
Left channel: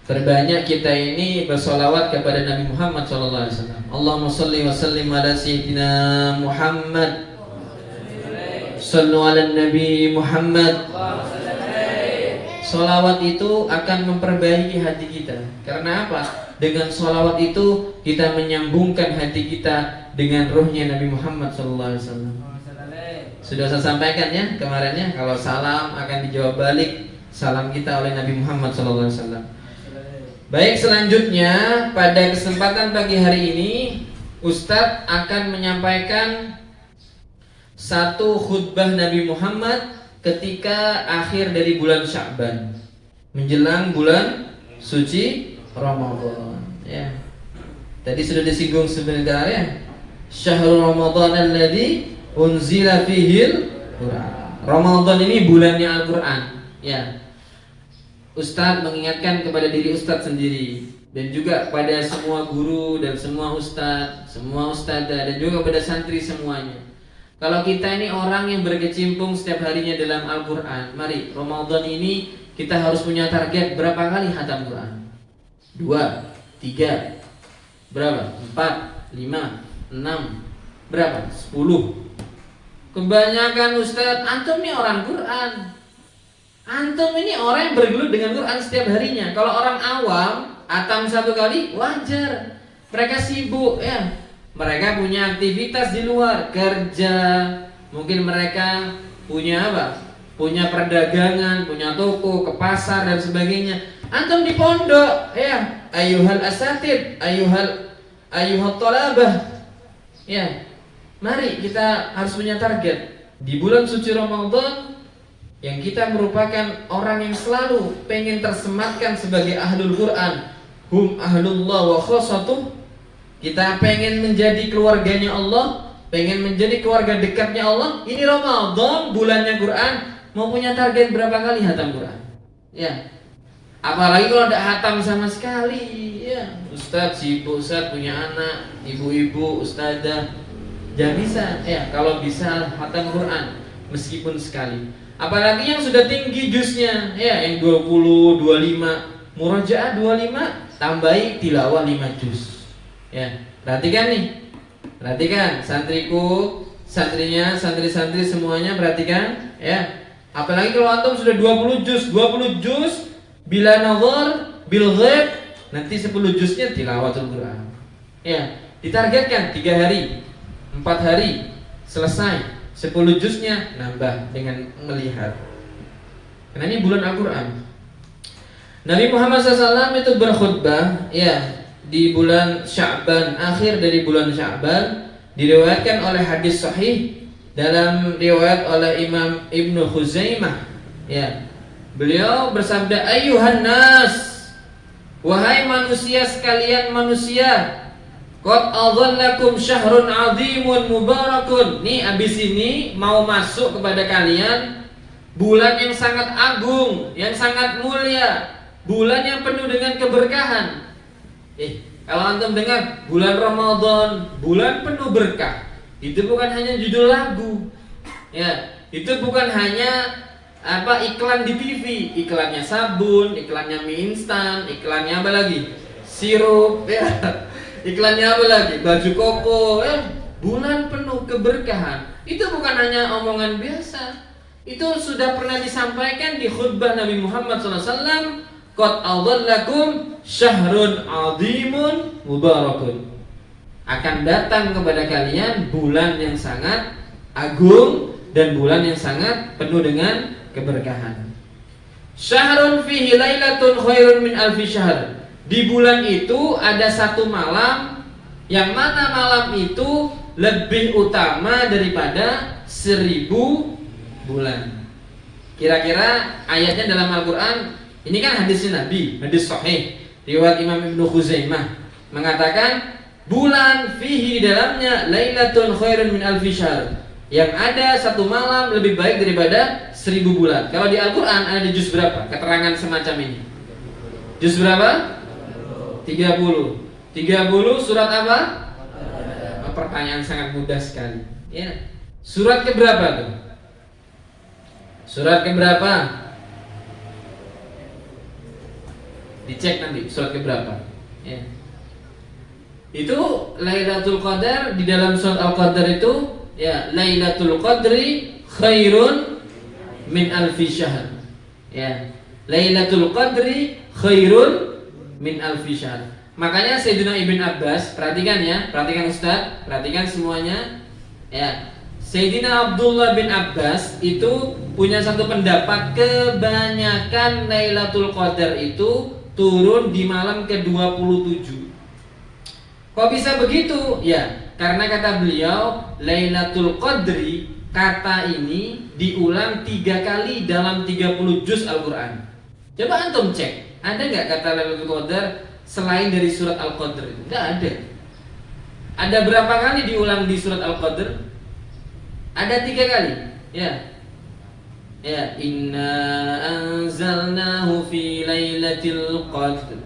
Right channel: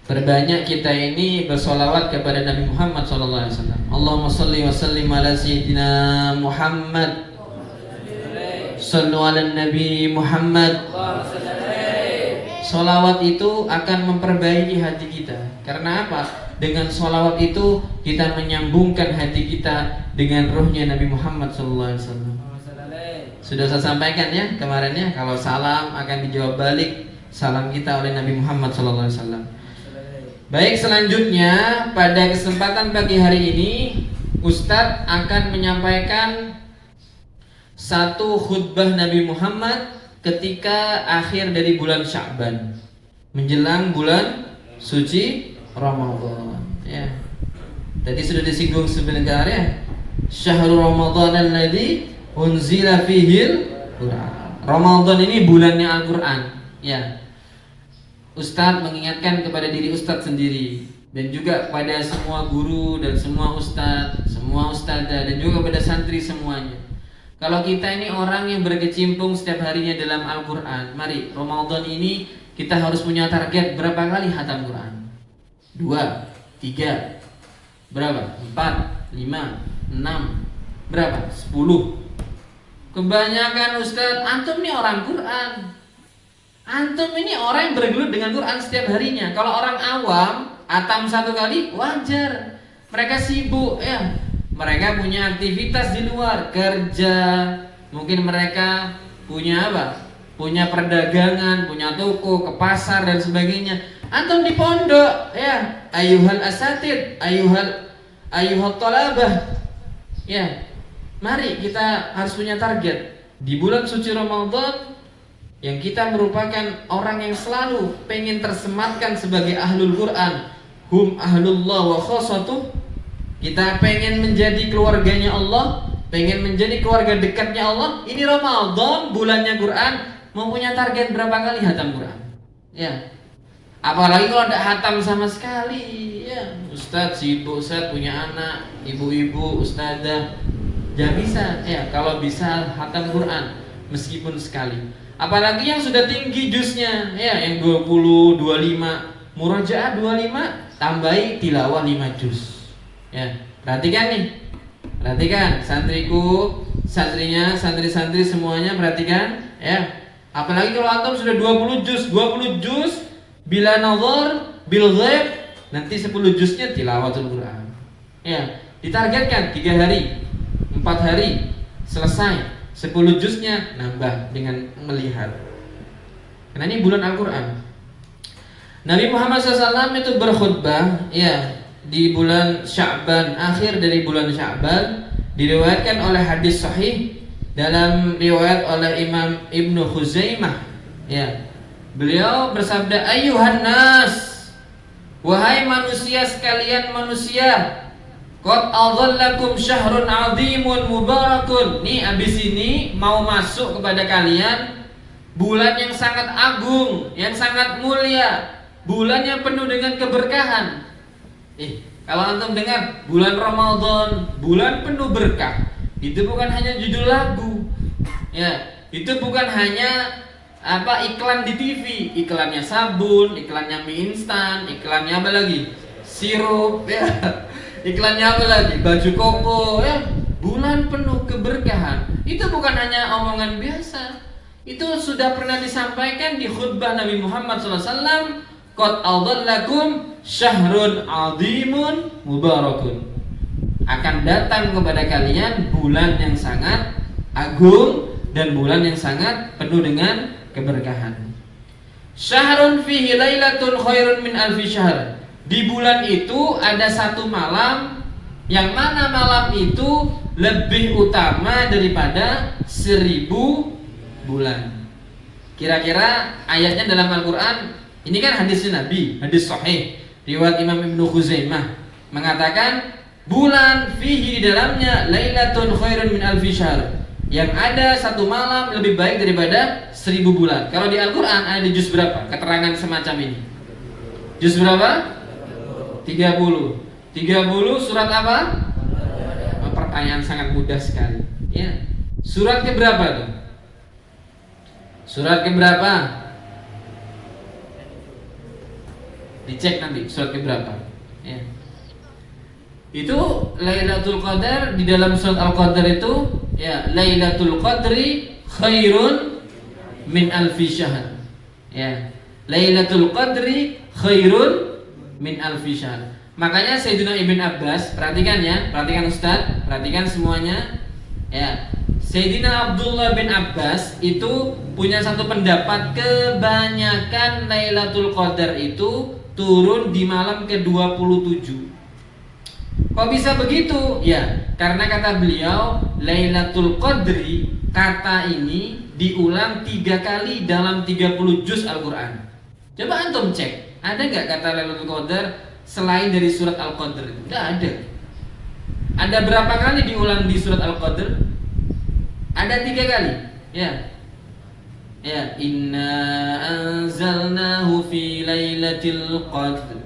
Perbanyak kita ini bersolawat kepada Nabi Muhammad sallallahu alaihi wasallam. Allahumma shalli wa sallim ala sayyidina Muhammad. Shallu ala Nabi Muhammad. Solawat itu akan memperbaiki hati kita. Karena apa? Dengan solawat itu kita menyambungkan hati kita dengan ruhnya Nabi Muhammad sallallahu alaihi wasallam. Sudah saya sampaikan ya kemarinnya, kalau salam akan dijawab balik salam kita oleh Nabi Muhammad sallallahu alaihi wasallam. Baik, selanjutnya pada kesempatan pagi hari ini Ustadz akan menyampaikan satu khutbah Nabi Muhammad ketika akhir dari bulan Sya'ban menjelang bulan suci Ramadan ya. Tadi sudah disinggung sebentar ya. Syahrul Ramadan alladzi unzila fihil Quran. Ramadan ini bulannya Al-Quran ya. Ustadz mengingatkan kepada diri Ustadz sendiri dan juga pada semua guru dan semua ustadz, semua ustadzah dan juga pada santri semuanya. Kalau kita ini orang yang berkecimpung setiap harinya dalam Al-Quran, mari Ramadan ini kita harus punya target berapa kali khatam Quran? 2, 3, berapa? 4, 5, 6, berapa? 10. Kebanyakan ustadz, antum nih orang Quran, antum ini orang yang bergelut dengan Quran setiap harinya. Kalau orang awam, atam 1 kali wajar. Mereka sibuk ya, mereka punya aktivitas di luar, kerja, mungkin mereka punya apa? Punya perdagangan, punya toko, ke pasar dan sebagainya. Antum di pondok, ya, ayuhal asatid, ayuhal thalabah. Ya, mari kita harus punya target di bulan suci Ramadan yang kita merupakan orang yang selalu pengen tersematkan sebagai ahlul Quran, hum ahlullah wa khossatuh. Kita pengen menjadi keluarganya Allah, pengen menjadi keluarga dekatnya Allah. Ini Ramadan, bulannya Quran, mau punya target berapa kali hatam Quran? Ya, apalagi kalau tidak hatam sama sekali. Ya, Ustadz sibuk, Ustadz punya anak, ibu-ibu, ustadzah, jangan bisa. Ya, kalau bisa hatam Quran meskipun sekali. Apalagi yang sudah tinggi juznya, ya, yang 20, 25, murajaah 25, tambahi tilawah 5 juz. Ya, perhatikan nih. Perhatikan santriku, santrinya, santri-santri semuanya perhatikan, ya. Apalagi kalau antum sudah 20 juz bila nazar bil ghaib, nanti 10 juznya tilawatul Quran. Ya, ditargetkan 3 hari, 4 hari selesai. 10 juznya nambah dengan melihat. Karena ini bulan Al-Quran. Nabi Muhammad SAW itu berkhutbah, ya, di bulan Sya'ban, akhir dari bulan Sya'ban, diriwayatkan oleh hadis sahih dalam riwayat oleh Imam Ibnu Khuzaimah. Ya, beliau bersabda, ayuhan nas, wahai manusia sekalian manusia, qad adhallakum syahrun 'azimun mubarakun. Nih abis ini mau masuk kepada kalian bulan yang sangat agung, yang sangat mulia, bulan yang penuh dengan keberkahan. Kalau antum dengar bulan Ramadan, bulan penuh berkah, itu bukan hanya judul lagu. Ya, itu bukan hanya iklan di TV, iklannya sabun, iklannya mie instan, iklannya apa lagi? Sirup, ya. Iklannya apa lagi? Baju koko, bulan penuh keberkahan. Itu bukan hanya omongan biasa. Itu sudah pernah disampaikan di khutbah Nabi Muhammad SAW. Qad adhallakum syahrun 'azimun mubarakun. Akan datang kepada kalian bulan yang sangat agung dan bulan yang sangat penuh dengan keberkahan. Syahrun fihi lailatun khairun min alfi syahr. Di bulan itu ada satu malam, yang mana malam itu lebih utama daripada 1000 bulan. Kira-kira ayatnya dalam Al-Quran, ini kan hadisnya Nabi, hadis sahih riwayat Imam Ibnu Khuzaimah, mengatakan bulan fihi di dalamnya lailatun khairun min alfi syahr, yang ada satu malam lebih baik daripada 1000 bulan. Kalau di Al-Quran ada di juz berapa keterangan semacam ini? Juz berapa? 30 surat apa? Pertanyaan sangat mudah sekali, ya. Surat ke berapa tuh? Surat ke berapa? Dicek nanti surat ke berapa, ya. Itu Lailatul Qadar di dalam surat Al-Qadar itu, ya, Lailatul Qadri khairun min alfi syahr. Ya, Lailatul Qadri khairun min alfi syahr. Makanya Sayyidina Ibn Abbas, perhatikan ya, perhatikan Ustaz, perhatikan semuanya, ya. Sayyidina Abdullah bin Abbas itu punya satu pendapat, kebanyakan Lailatul Qadar itu turun di malam ke-27. Kok bisa begitu? Ya, karena kata beliau Lailatul Qadri, kata ini diulang 3 kali dalam 30 juz Al-Quran. Coba antum cek, ada nggak kata Lailatul Qadar selain dari surat Al-Qadr? Tidak ada. Ada berapa kali diulang di surat Al-Qadr? Ada 3 kali. Ya, ya, inna anzalnahu fi lailatul qadr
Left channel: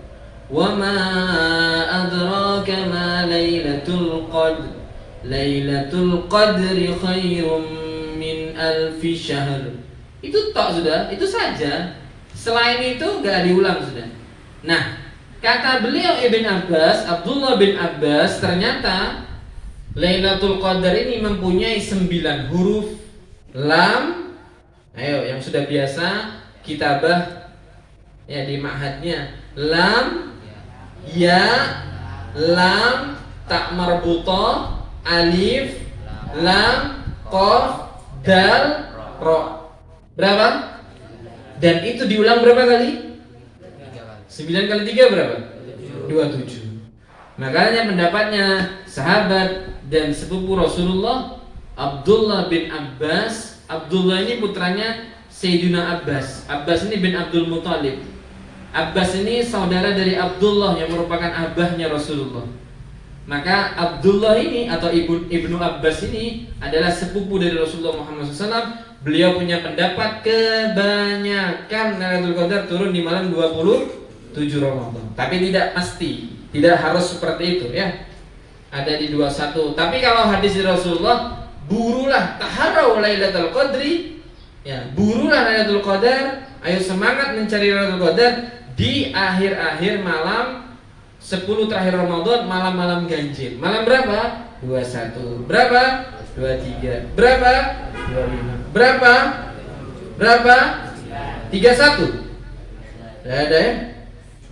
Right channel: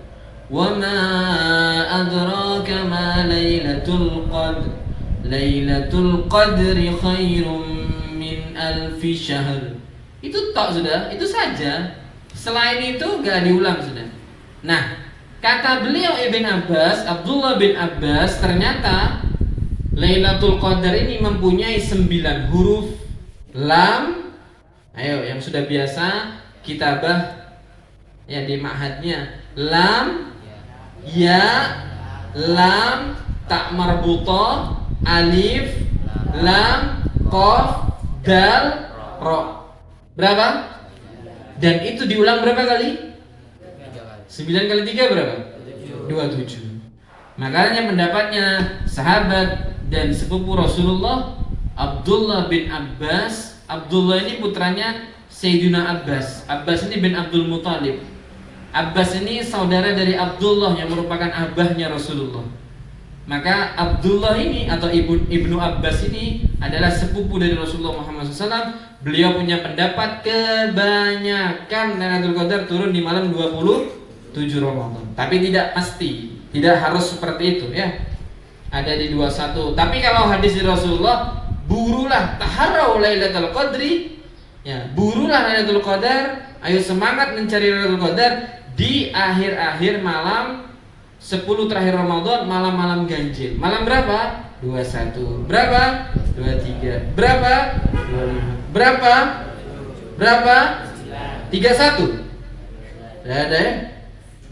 wa ma adraka ma lailatul qadr lailatul qadri khairum min alfi syahr. Itu tok sudah, itu saja. Selain itu gak diulang sudah. Nah, kata beliau Ibn Abbas, Abdullah bin Abbas, ternyata Lailatul Qadar ini mempunyai 9 huruf. Lam, ayo yang sudah biasa kitabah ya di ma'hadnya, lam, ya, lam, ta marbuta, alif, lam, qaf, dal, ro. Berapa? Dan itu diulang berapa kali? 9 kali 3 berapa? 27. Makanya pendapatnya sahabat dan sepupu Rasulullah Abdullah bin Abbas. Abdullah ini putranya Sayyidina Abbas. Abbas ini bin Abdul Muthalib. Abbas ini saudara dari Abdullah yang merupakan abahnya Rasulullah. Maka Abdullah ini atau Ibnu Abbas ini adalah sepupu dari Rasulullah Muhammad SAW. Beliau punya pendapat kebanyakan Lailatul Qadar turun di malam 27 Ramadan. Tapi tidak pasti, tidak harus seperti itu ya. Ada di 21. Tapi kalau hadis dari Rasulullah, burulah taharrau Lailatul Qadri. Ya, burulah Lailatul Qadar. Ayo semangat mencari Lailatul Qadar di akhir-akhir malam 10 terakhir Ramadan, malam-malam ganjil. Malam berapa? 21. Berapa? 23. Berapa? 25. Berapa? Berapa? 31. Tidak ada ya?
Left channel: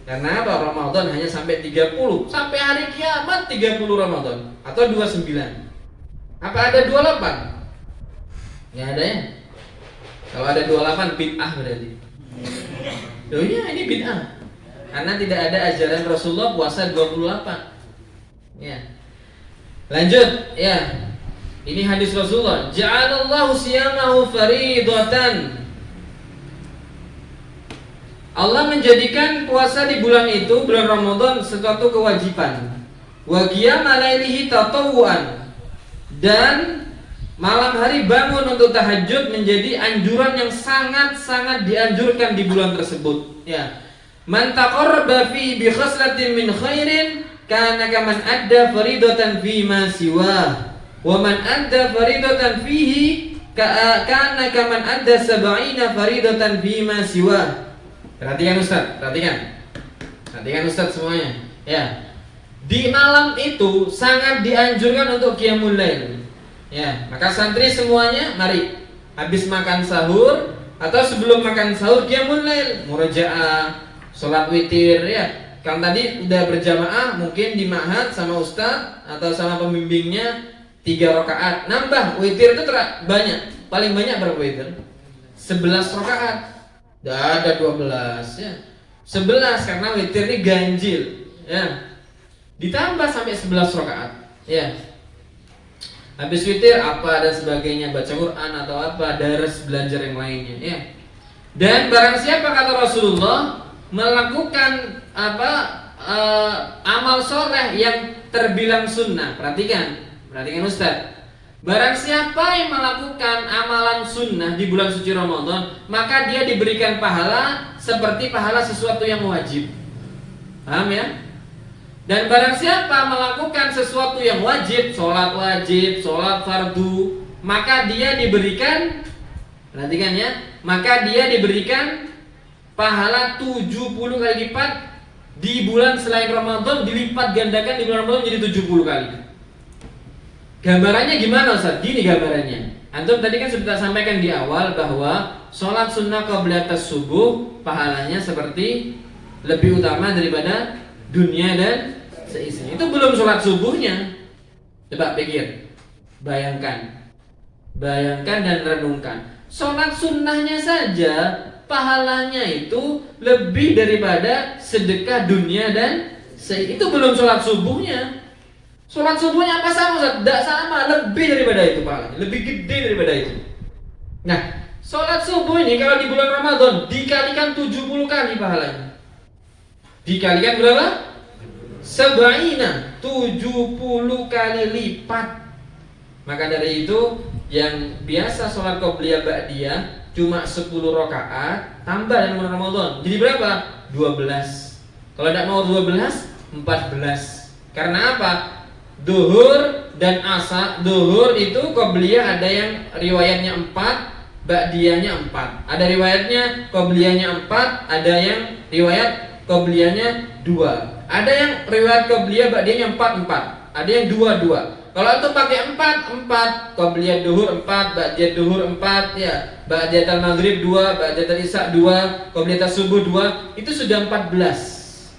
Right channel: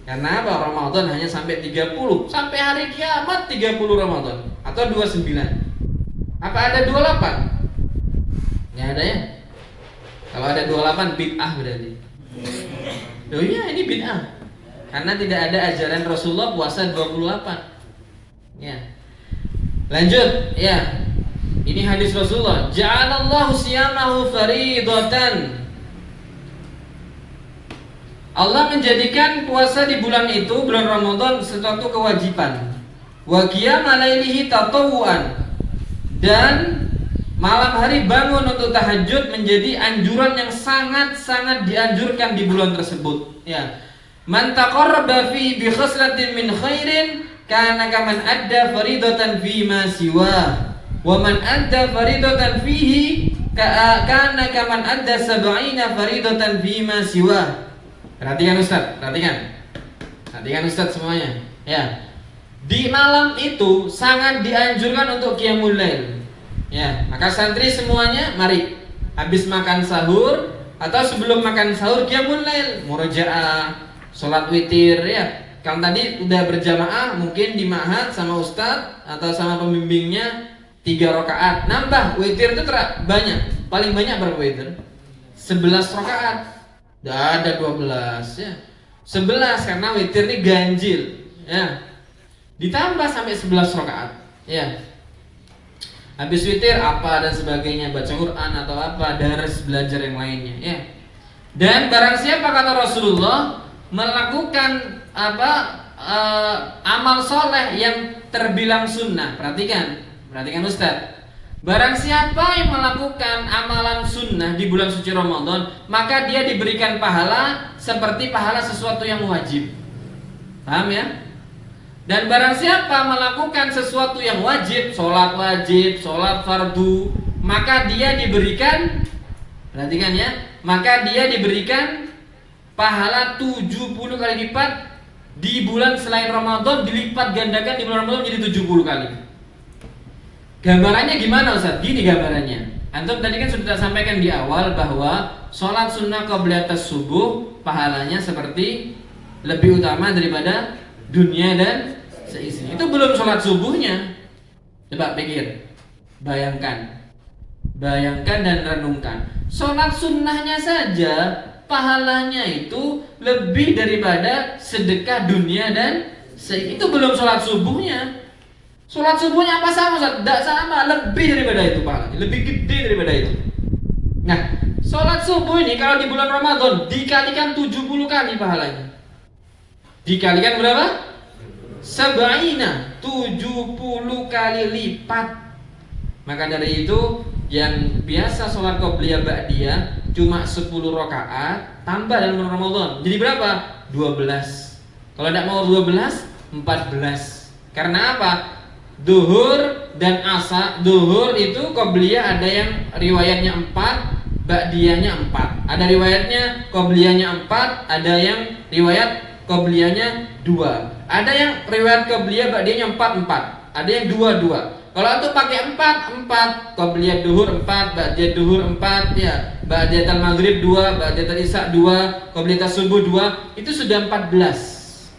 Karena apa? Ramadan hanya sampai 30. Sampai hari kiamat 30 Ramadan. Atau 29. Apa ada 28? Nggak ada ya? Kalau ada 28 bid'ah berarti. Oh iya, ini bid'ah. Karena tidak ada ajaran Rasulullah puasa 28. Ya. Lanjut, ya. Ini hadis Rasulullah, ja'alallahu siyamahu faridatan. Allah menjadikan puasa di bulan itu, bulan Ramadan, sesuatu kewajiban. Wa qiyama lailihi tatawwuan. Dan malam hari bangun untuk tahajud menjadi anjuran yang sangat-sangat dianjurkan di bulan tersebut. Ya. Man taqarraba fi bi khaslatin min khairin kana kaman adda faridatan fi ma siwa. Wa man adda faridatan fihi kana kaman adda 70 faridatan fi ma siwa. Perhatikan Ustaz, perhatikan. Perhatikan Ustaz semuanya. Ya. Di malam itu sangat dianjurkan untuk qiyamul lail. Ya, maka santri semuanya mari habis makan sahur atau sebelum makan sahur qiyamul lail, murajaah, salat witir ya. Kalau tadi udah berjamaah mungkin di ma'had sama ustaz atau sama pembimbingnya 3 rakaat. Nambah witir itu banyak. Paling banyak berapa witir? 11 rakaat. Dah ada 12 ya. 11 karena witir ini ganjil ya. Ditambah sampai 11 rakaat ya. Habis witir apa dan sebagainya, baca Quran atau apa, daras, belajar yang lainnya ya. Dan barang siapa kata Rasulullah melakukan amal soleh yang terbilang sunnah. Perhatikan Ustaz. Barang siapa yang melakukan amalan sunnah di bulan suci Ramadan, maka dia diberikan pahala seperti pahala sesuatu yang wajib. Paham ya? Dan barang siapa melakukan sesuatu yang wajib, sholat fardu, maka dia diberikan, perhatikan ya, maka dia diberikan pahala 70 kali lipat di bulan selain Ramadan, dilipat gandakan di bulan Ramadan jadi 70 kali. Gambarannya gimana Ustaz? Gini gambarannya. Antum tadi kan sudah sampaikan di awal bahwa sholat sunnah qabliyah subuh pahalanya seperti lebih utama daripada dunia dan seisinya. Itu belum sholat subuhnya. Coba pikir, bayangkan dan renungkan. Sholat sunnahnya saja pahalanya itu lebih daripada sedekah dunia dan itu belum sholat subuhnya. Sholat subuhnya apa sama? Tidak sama, lebih daripada itu pahalanya, lebih gede daripada itu. Nah, sholat subuh ini kalau di bulan Ramadan dikalikan 70 kali pahalanya. Dikalikan berapa? 70 kali lipat. Maka dari itu yang biasa sholat qobliyah ba'diyah cuma 10 rakaat tambah dalam bulan Ramadan. Jadi berapa? 12. Kalau tidak mau 12, 14. Karena apa? Duhur dan asar. Duhur itu qobliyah ada yang riwayatnya 4, ba'diyahnya 4. Ada riwayatnya qobliyahnya 4, ada yang riwayat qobliyahnya 2. Ada yang riwayat qobliyah ba'diyahnya 4. Ada yang 2. Kalau itu pakai 4, qobliyah duhur 4, ba'diyah duhur 4 ya, ba'diyah maghrib 2, ba'diyah isya 2, qobliyah subuh 2, itu sudah 14.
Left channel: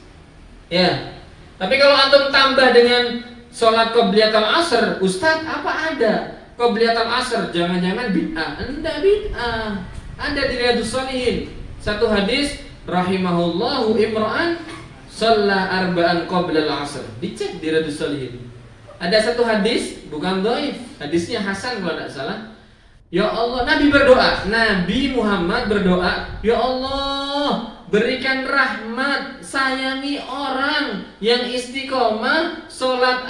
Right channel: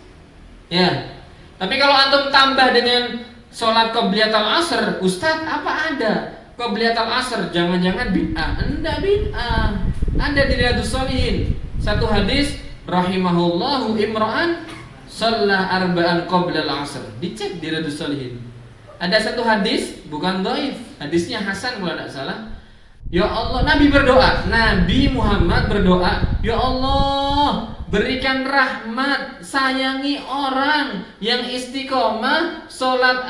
Ya. Tapi kalau antum tambah dengan sholat qobliyatul asr, Ustaz apa ada qobliyatul asr? Jangan-jangan bid'ah? Enggak bid'ah. Ada di Riyadhus Shalihin satu hadis, rahimahullahu imra'an shalla arba'an qoblal asr. Dicek di Riyadhus Shalihin. Ada satu hadis, bukan dhaif, hadisnya hasan kalau tidak salah. Ya Allah, Nabi berdoa, Nabi Muhammad berdoa, ya Allah, berikan rahmat, sayangi orang yang istiqomah sholat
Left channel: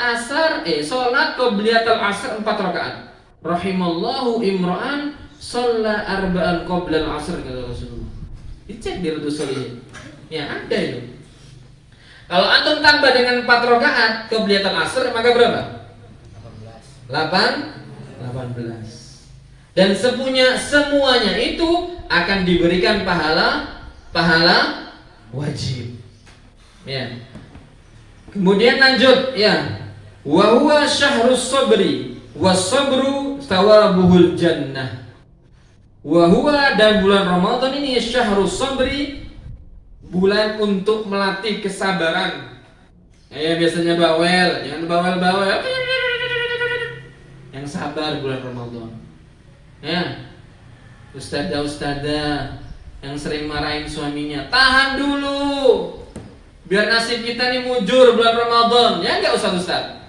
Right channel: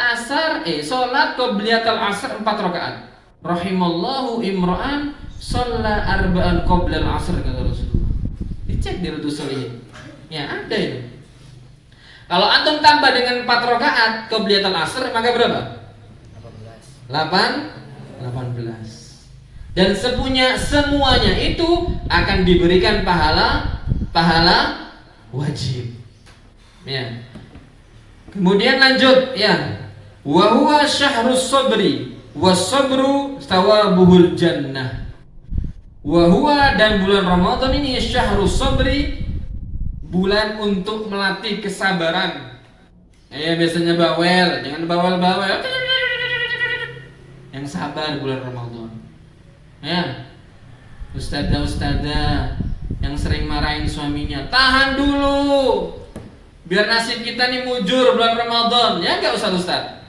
qobliyatul asr 4 rakaat. Rahimallahu imra'an shalla arba'an qoblal asr, kata Rasulullah. Dicek di Riyadhus Shalihin. Ya ada itu. Kalau antum tambah dengan 4 rakaat qobliyatul asr, maka berapa? 18. Dan semuanya itu akan diberikan pahala wajib. Ya. Kemudian lanjut ya. Wa huwa syahrus sabri was-sabru thawabuhul jannah. Wa huwa, dan bulan Ramadan ini syahrus sabri, bulan untuk melatih kesabaran. Biasanya bawel, jangan bawel-bawel. Yang sabar bulan Ramadan. Ya, ustadzah yang sering marahin suaminya, tahan dulu, biar nasib kita nih mujur bulan Ramadan. Ya enggak ustadz?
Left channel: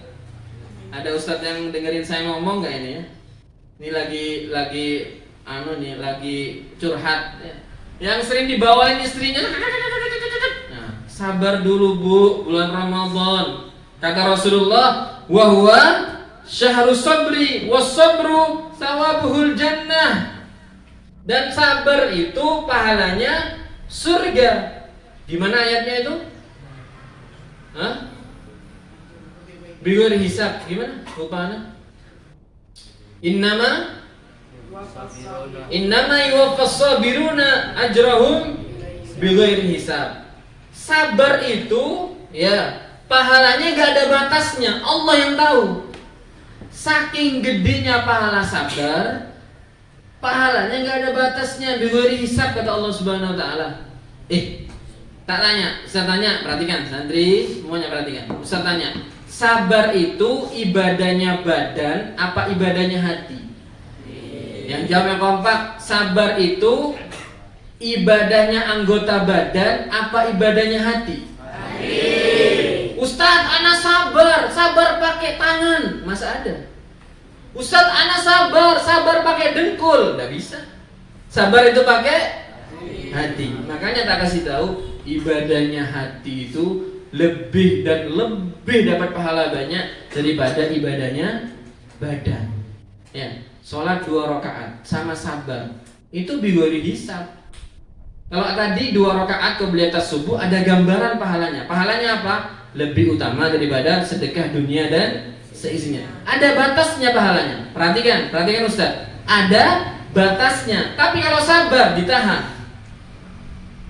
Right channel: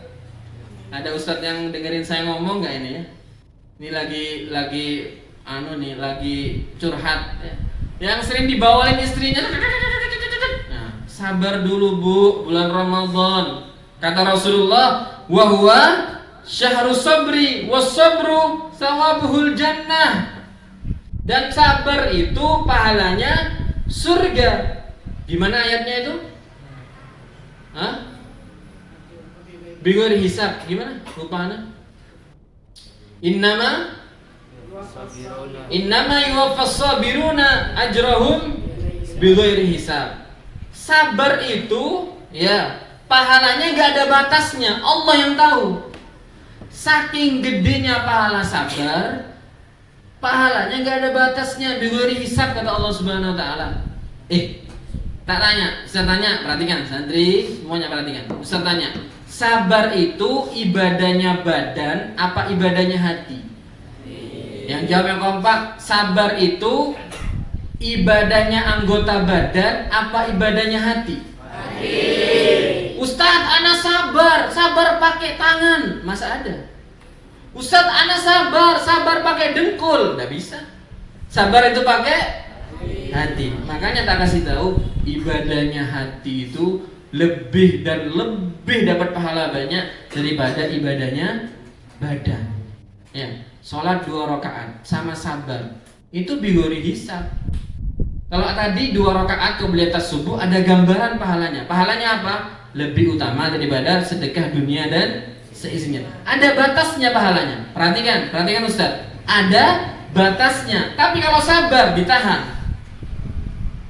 Ada ustadz yang dengerin saya ngomong nggak ini ya? Ini lagi curhat ya. Yang sering dibawain istrinya. Nah, sabar dulu bu, bulan Ramadan. Kata Rasulullah, wa huwa syahrus sabri was-sabru thawabuhul jannah. Dan sabar itu pahalanya surga. Gimana ayatnya itu? Bighairi hisab. Gimana? Lupa ana. Innama yuwaffas sabiruna ajrahum bighairi hisab. Sabar itu ya pahalanya enggak ada batasnya. Allah yang tahu. Saking gedenya pahala sabar, pahalanya nggak ada batasnya, bighairi hisab, kata Allah Subhanahu Wa Taala. Tak tanya, Ustaz tanya, perhatikan santri semuanya perhatikan. Ustaz tanya, sabar itu ibadahnya badan apa ibadahnya hati? Yang jawab yang kompak, sabar itu ibadahnya anggota badan apa ibadahnya hati? Ustaz, ana sabar pakai tangan, masa ada? Ustaz, ana sabar pakai dengkul, nggak bisa. Sabar itu pakai hati. Makanya tak kasih tahu, ibadahnya hati itu lebih dapat pahala banyak daripada ibadahnya badan. Ya, sholat 2 rakaat sama sabar itu bighairi hisab. Kalau tadi 2 rakaat qobliyatus subuh ada gambaran pahalanya. Pahalanya apa? Lebih utama daripada sedekah dunia dan seisinya. Ada batasnya pahalanya. Perhatikan Ustaz. Ada batasnya. Tapi kalau sabar ditahan.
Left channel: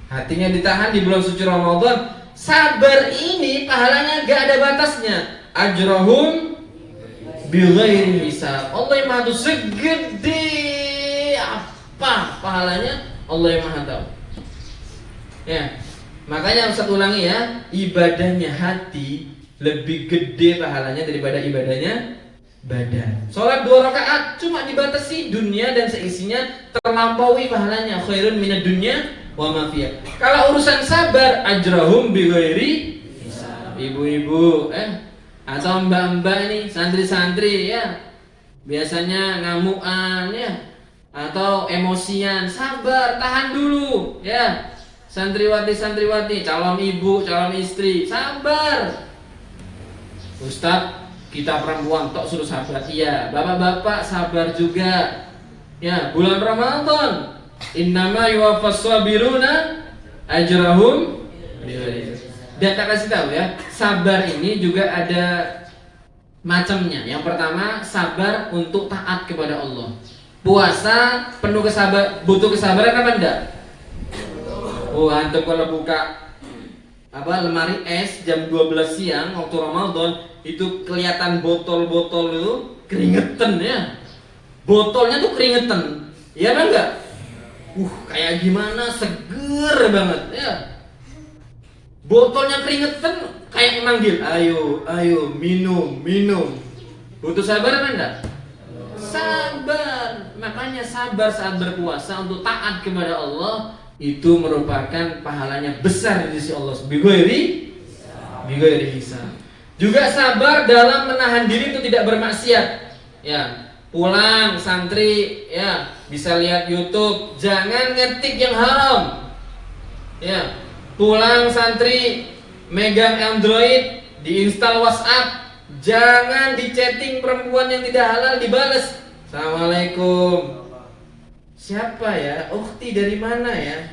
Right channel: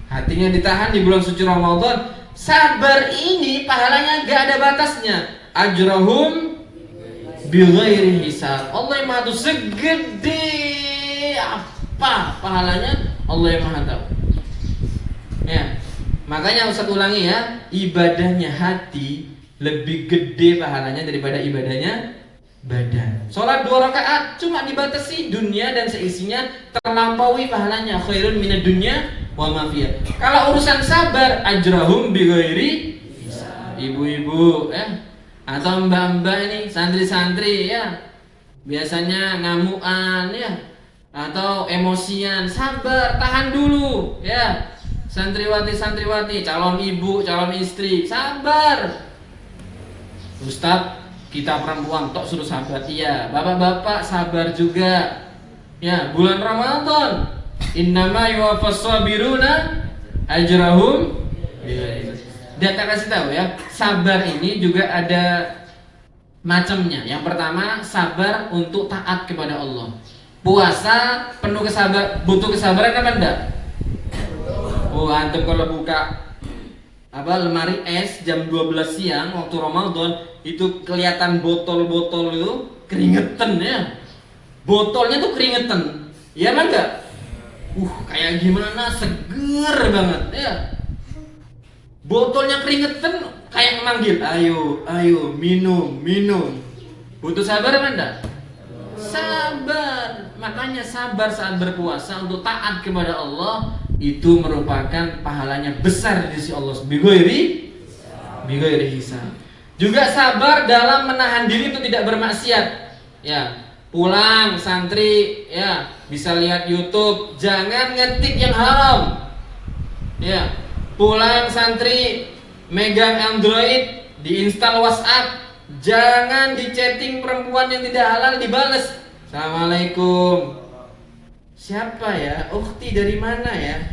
Hatinya ditahan di bulan suci Ramadan. Sabar ini pahalanya gak ada batasnya. Ajrahum bighairi hisab. Allah yang Maha Tahu, segede apa pahalanya, Allah yang Maha Tahu. Ya, makanya Ustaz ulangi ya, ibadahnya hati lebih gede pahalanya daripada ibadahnya badan. Sholat 2 rakaat cuma dibatasi dunia dan seisinya, terlampaui pahalanya, khairun minad dunya wa ma fiha. Kalau urusan sabar, ajrahum bighairi hisab. Ibu-ibu atau mbak-mbak ini, santri-santri ya, biasanya ngamuan ya, atau emosian, sabar, tahan dulu ya. Santriwati, calon ibu, calon istri, sabar. Ustaz, kita perempuan tok suruh sabar. Iya, bapak-bapak sabar juga. Ya, bulan Ramadan. Innama yuwaffas sabiruna ajrahum. Dan tak kasih tahu ya, sabar ini juga ada macamnya. Yang pertama, sabar untuk taat kepada Allah. Puasa penuh butuh kesabaran apa enggak? Antum kalau buka lemari es jam 12 siang waktu Ramadan, itu kelihatan botol-botol itu keringetan ya. Botolnya tuh keringetan. Iya apa enggak? Kayak gimana, seger banget ya. botolnya keringetan kayak manggil, ayo, ayo, minum, minum. Butuh sabar kan enggak? Sabar. Makanya sabar saat berpuasa untuk taat kepada Allah itu merupakan pahalanya besar di sisi Allah. Bighairi hisab. Juga sabar dalam menahan diri untuk tidak bermaksiat. Ya, pulang santri ya bisa lihat YouTube, jangan ngetik yang haram. Ya, pulang santri megang Android, diinstal WhatsApp, jangan di chatting perempuan yang tidak halal dibales. Assalamualaikum. Siapa ya? Ukhti dari mana ya?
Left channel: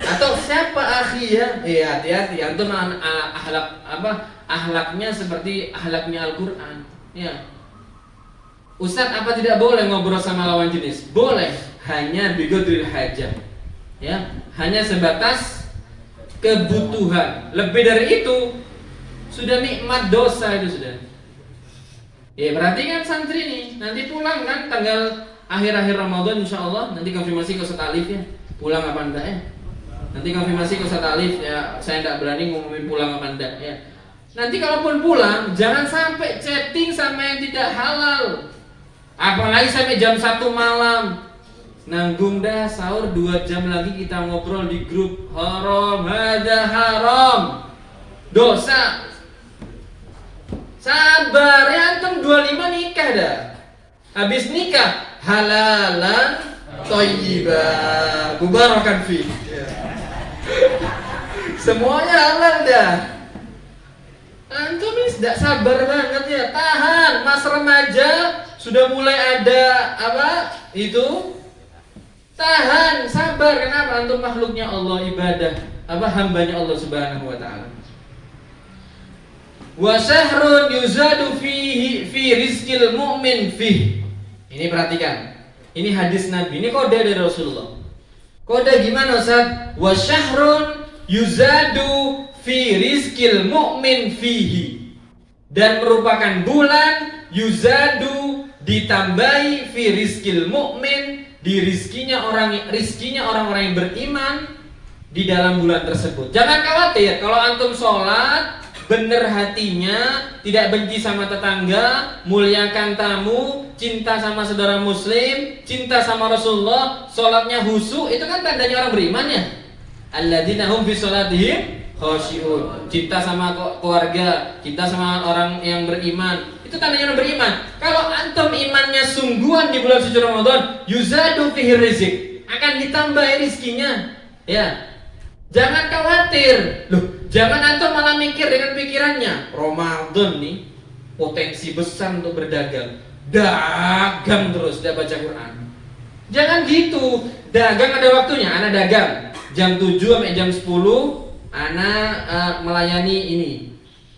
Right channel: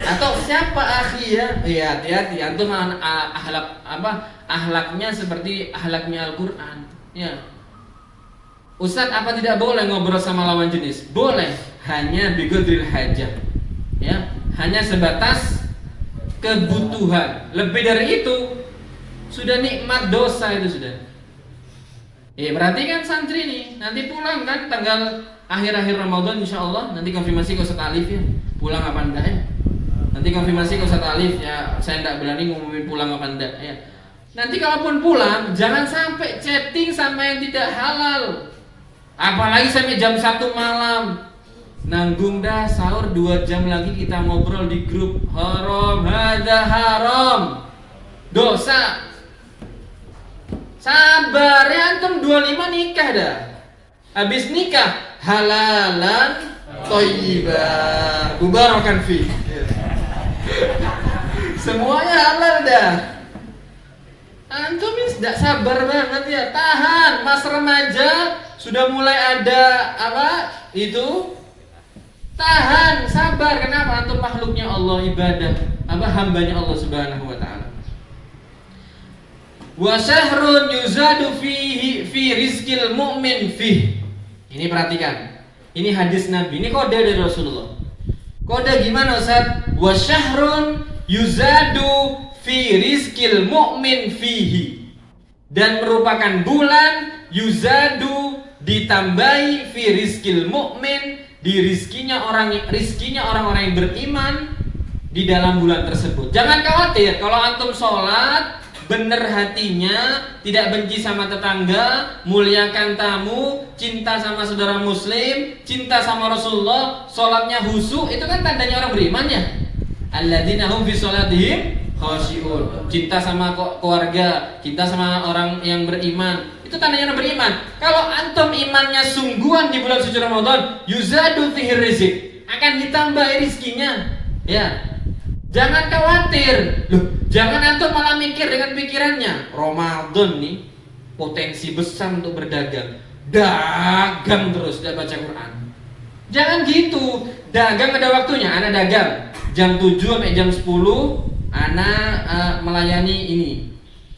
Atau siapa akhi ya? Iya, hati-hati. Antum akhlaknya seperti akhlaknya Al-Qur'an. Ya. Ustaz, apa tidak boleh ngobrol sama lawan jenis? Boleh, hanya biqadril hajah. Ya, hanya sebatas kebutuhan. Lebih dari itu sudah nikmat dosa itu sudah. Ya, berarti kan santri nih, nanti pulang kan tanggal akhir-akhir Ramadan insyaallah, nanti konfirmasi ke Ustaz Alif ya. Pulang apa enggak ya? Nanti konfirmasi ke Ustaz Alif ya, saya enggak berani ngumumin pulang apa enggak ya. Nanti kalaupun pulang, jangan sampai chatting sama yang tidak halal. Apalagi sampai jam 1 malam. Nanggung dah, sahur 2 jam lagi kita ngobrol di grup. Haram, hada haram. Dosa. Sabar ya, antum 25 nikah dah. Habis nikah halalan thayyibah mubarakan fi. Semuanya halal dah. Antum ini tidak sabar banget ya. Tahan, mas remaja sudah mulai ada apa? Itu tahan, sabar. Kenapa? Antum makhluknya Allah, ibadah apa hambanya Allah Subhanahu wa taala. Wa syahrun yuzadu fihi fi rizqil mu'min fih. Ini perhatikan. Ini hadis Nabi, ini kode dari Rasulullah. Kode gimana Ustaz? Wa syahrun yuzadu fi rizqil mu'min fihi. Dan merupakan bulan yuzadu ditambahi fi rizqil mu'min, di rizkinya orang-orang yang beriman di dalam bulan tersebut. Jangan khawatir kalau antum sholat bener hatinya, tidak benci sama tetangga, muliakan tamu, cinta sama saudara muslim, cinta sama Rasulullah, sholatnya khusyuk, itu kan tandanya orang beriman ya. Alladzina hum fi sholatihim khashi'un. Cinta sama keluarga, cinta sama orang yang beriman, itu tandanya orang beriman. Kalau antum imannya sungguhan di bulan suci Ramadan, yuzadu fihi rizq, akan ditambah rizkinya. Ya. Jangan khawatir. Loh, jangan antum malah mikir dengan pikirannya Ramadan nih potensi besar untuk berdagang. Dagang terus, tidak baca Quran. Jangan gitu. Dagang ada waktunya. Ana dagang jam 7 sampai jam 10. Ana melayani ini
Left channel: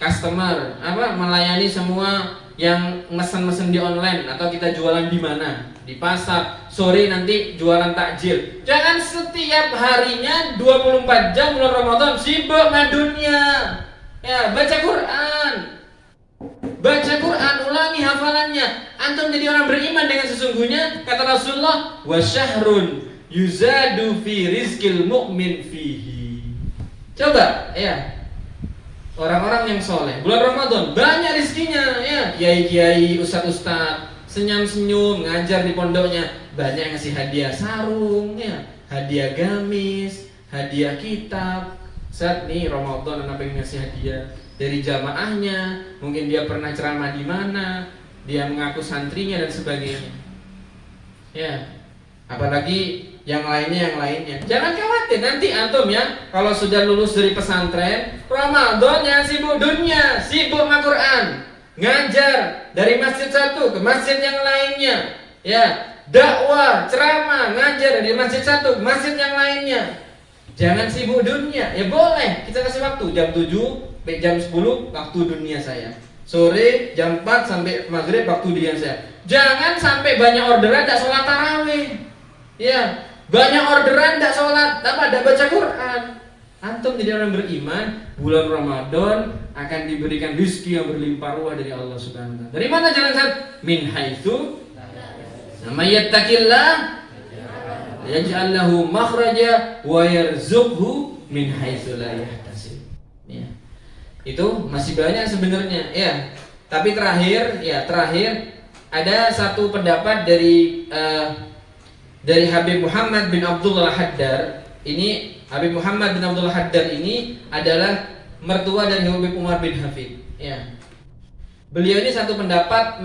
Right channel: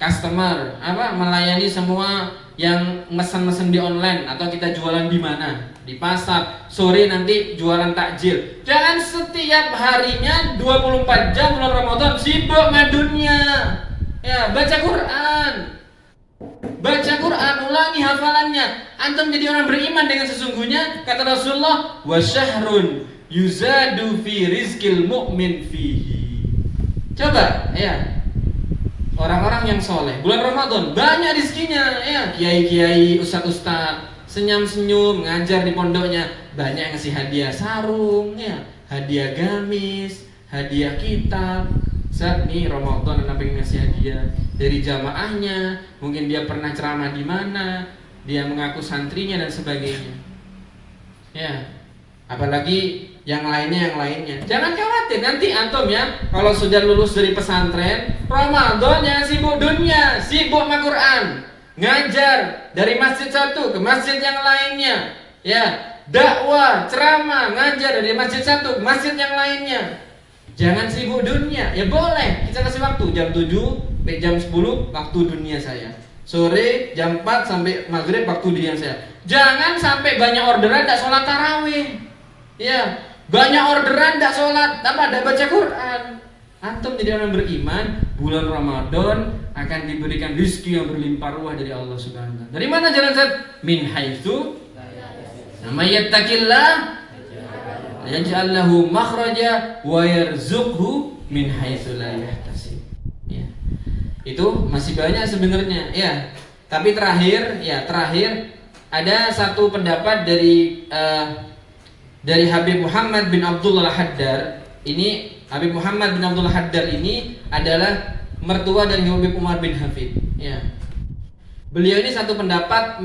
customer, melayani semua yang mesen-mesen di online atau kita jualan di mana? Di pasar. Sore nanti jualan takjil. Jangan setiap harinya 24 jam bulan Ramadan sibuk sama dunia. Ya, baca Quran. Baca Quran, ulangi hafalannya. Antum jadi orang beriman dengan sesungguhnya, kata Rasulullah, wa syahrun yuzadu fi rizqil mu'min fihi. Coba, ya. Orang-orang yang soleh bulan Ramadan banyak rizkinya, ya. Kiai-kiai, ustaz-ustaz senyum-senyum ngajar di pondoknya, banyak yang ngasih hadiah sarung, ya, hadiah gamis, hadiah kitab. Saat nih Ramadan anak pengen ngasih hadiah dari jamaahnya, mungkin dia pernah ceramah di mana, dia mengaku santrinya dan sebagainya. Ya, apalagi yang lainnya. Jangan khawatir, nanti antum ya, kalau sudah lulus dari pesantren, Ramadan jangan sibuk dunia, sibuk sama Quran, ngajar dari masjid satu ke masjid yang lainnya, ya, dakwah, ceramah, ngajar dari masjid satu ke masjid yang lainnya. Jangan sibuk dunia. Ya boleh, kita kasih waktu jam 7 sampai jam 10 waktu dunia saya. Sore jam 4 sampai maghrib waktu dunia saya. Jangan sampai banyak orderan tidak sholat tarawih. Ya, banyak orderan tidak sholat, tidak baca Quran. Antum jadi orang beriman, bulan Ramadan akan diberikan rezeki yang berlimpah ruah dari Allah Subhanahu wa taala. Dari mana jalan Ustaz? Min haitsu may yattaqillah yaj'al lahu makhraja wa yarzuqhu min haitsu la yahtasib. Ya. Itu masih banyak sebenarnya, ya. Tapi terakhir ada satu pendapat dari Habib Muhammad bin Abdullah Haddar. Ini Habib Muhammad bin Abdullah Haddar ini adalah mertua dari Habib Umar bin Hafid. Ya. Beliau ini satu pendapat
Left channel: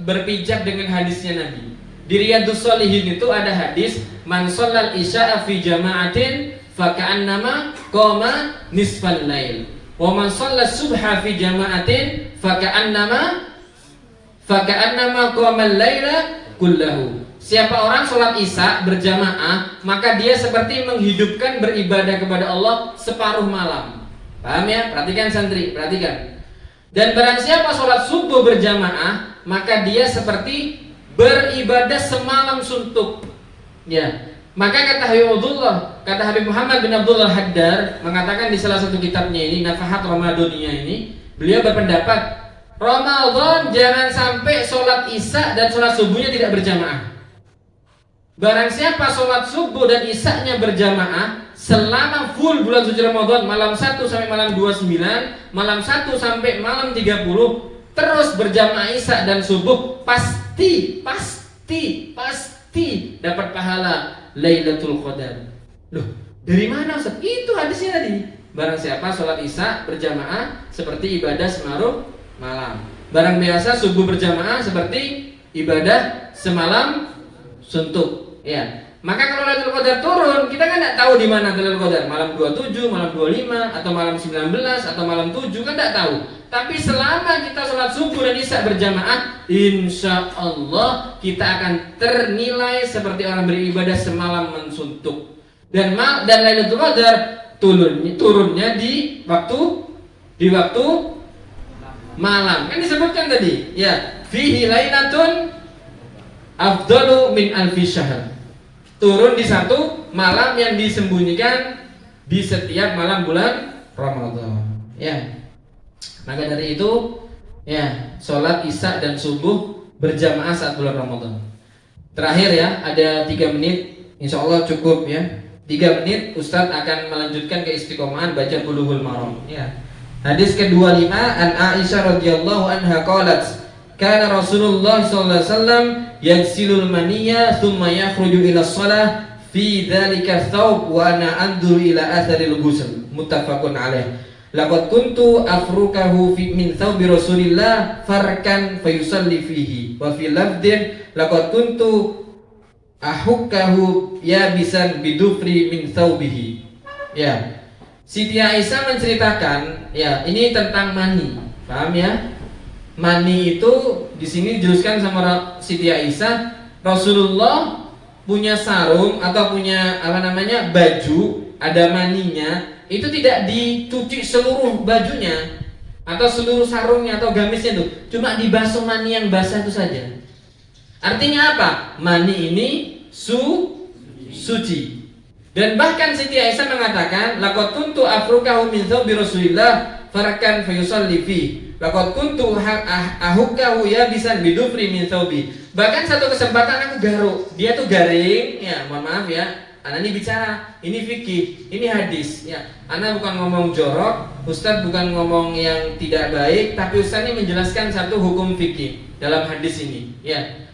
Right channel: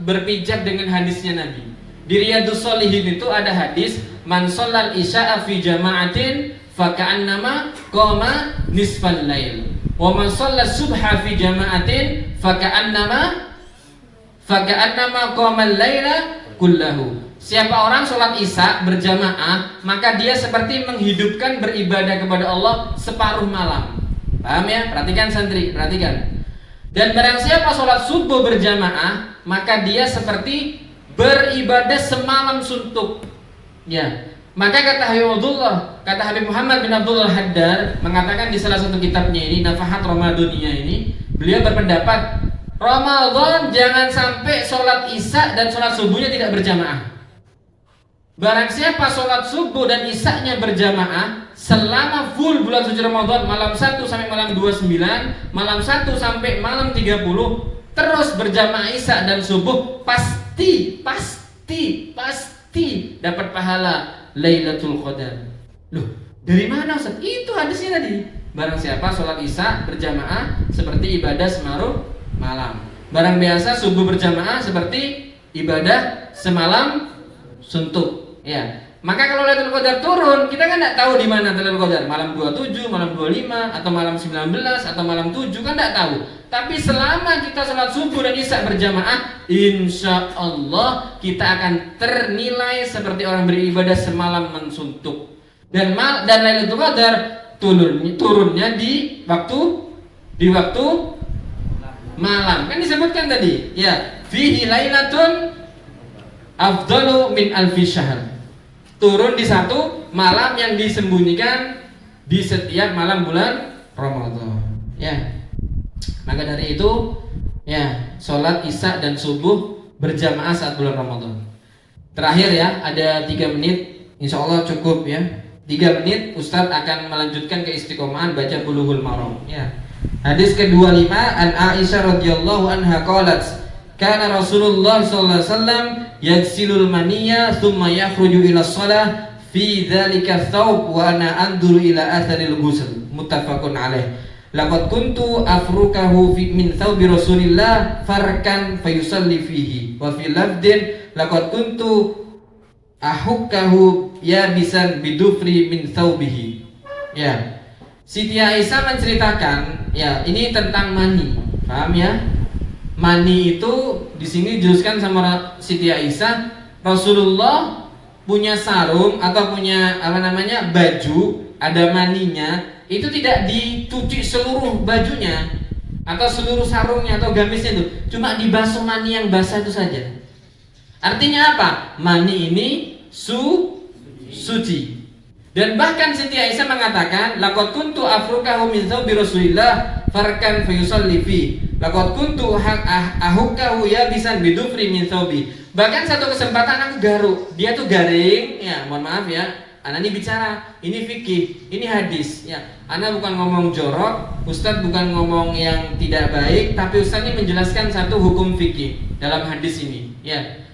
berpijak dengan hadisnya Nabi. Di Riyadhus Shalihin itu ada hadis man shallal isya'a fi jama'atin fa ka'annama qama nisfal lail. Wa man shallas subha fi jama'atin fa ka'annama qama al-laila kullahu. Siapa orang sholat isya berjamaah, maka dia seperti menghidupkan beribadah kepada Allah separuh malam. Paham ya? Perhatikan santri, perhatikan. Dan barang siapa sholat subuh berjamaah, maka dia seperti beribadah semalam suntuk. Ya. Maka kata Habib Muhammad bin Abdullah Haddar mengatakan di salah satu kitabnya ini, Nafahat Ramadaniyah ini, beliau berpendapat Ramadan jangan sampai sholat isya dan sholat subuhnya tidak berjamaah. Barang siapa sholat subuh dan isya-nya berjamaah selama full bulan suci Ramadan, malam 1 sampai malam 29, malam 1 sampai malam 30, terus berjamaah isya dan subuh, pasti dapat pahala Lailatul Qadar. Loh, dari mana Ustaz? Itu hadisnya tadi. Barang siapa sholat isya berjamaah seperti ibadah semaruh malam. Barang biasa subuh berjamaah seperti ibadah semalam suntuk. Ya. Maka kalau Lailatul Qadar turun, kita kan tidak tahu di mana Lailatul Qadar, malam 27, malam 25, atau malam 19, atau malam 7, kan tidak tahu. Tapi selama kita sholat subuh dan isya berjamaah, insya Allah kita akan ternilai seperti orang beribadah semalam mensuntuk. Dan Lailatul Qadar turunnya di waktu malam. Kan disebutkan tadi, ya, fihi lailatun afdalu min alfi syahr. Turun di satu malam yang disembunyikan di setiap malam bulan Ramadan. Ya. Maka dari itu, ya, sholat isya dan subuh berjamaah saat bulan Ramadan. Terakhir ya, ada 3 menit, insya Allah cukup ya. 3 menit Ustadz akan melanjutkan ke istiqomahan baca Bulughul Maram. Ya. Hadis ke-25 an Aisyah radhiyallahu anha qalat kana Rasulullah sallallahu alaihi wasallam yagsilul maniyya thumma yakhruju ila shalah fi dzalika thawb wa ana anzuru ila atharil ghusl muttafaqun alaih. Laqad kuntu afrukahu min thawbi Rasulillah farkan fayusalli fihi wa fi lafdin laqad kuntu ahukkahu yabisan bidufri min thawbihi. Ya. Siti Aisyah menceritakan, ya, ini tentang mani. Paham ya? Mani itu di sini dijelaskan sama Siti Aisyah, Rasulullah punya sarung atau punya baju, ada maninya, itu tidak dicuci seluruh bajunya atau seluruh sarungnya atau gamisnya itu, cuma dibasuh mani yang basah itu saja. Artinya apa? Mani ini suci. Dan bahkan Siti Aisyah mengatakan, laqad kuntu afrukahu min thawbi Rasulillah farakan fayusalli fi. Laqad kuntu ahukkahu yabisan bidufri min thawbi. Bahkan satu kesempatan aku garuk, dia tuh garing, ya, mohon maaf ya. Ana ini bicara, ini fikih, ini hadis, ya. Ana bukan ngomong jorok, Ustadz bukan ngomong yang tidak baik, tapi Ustadz ini menjelaskan satu hukum fikih dalam hadis ini, ya.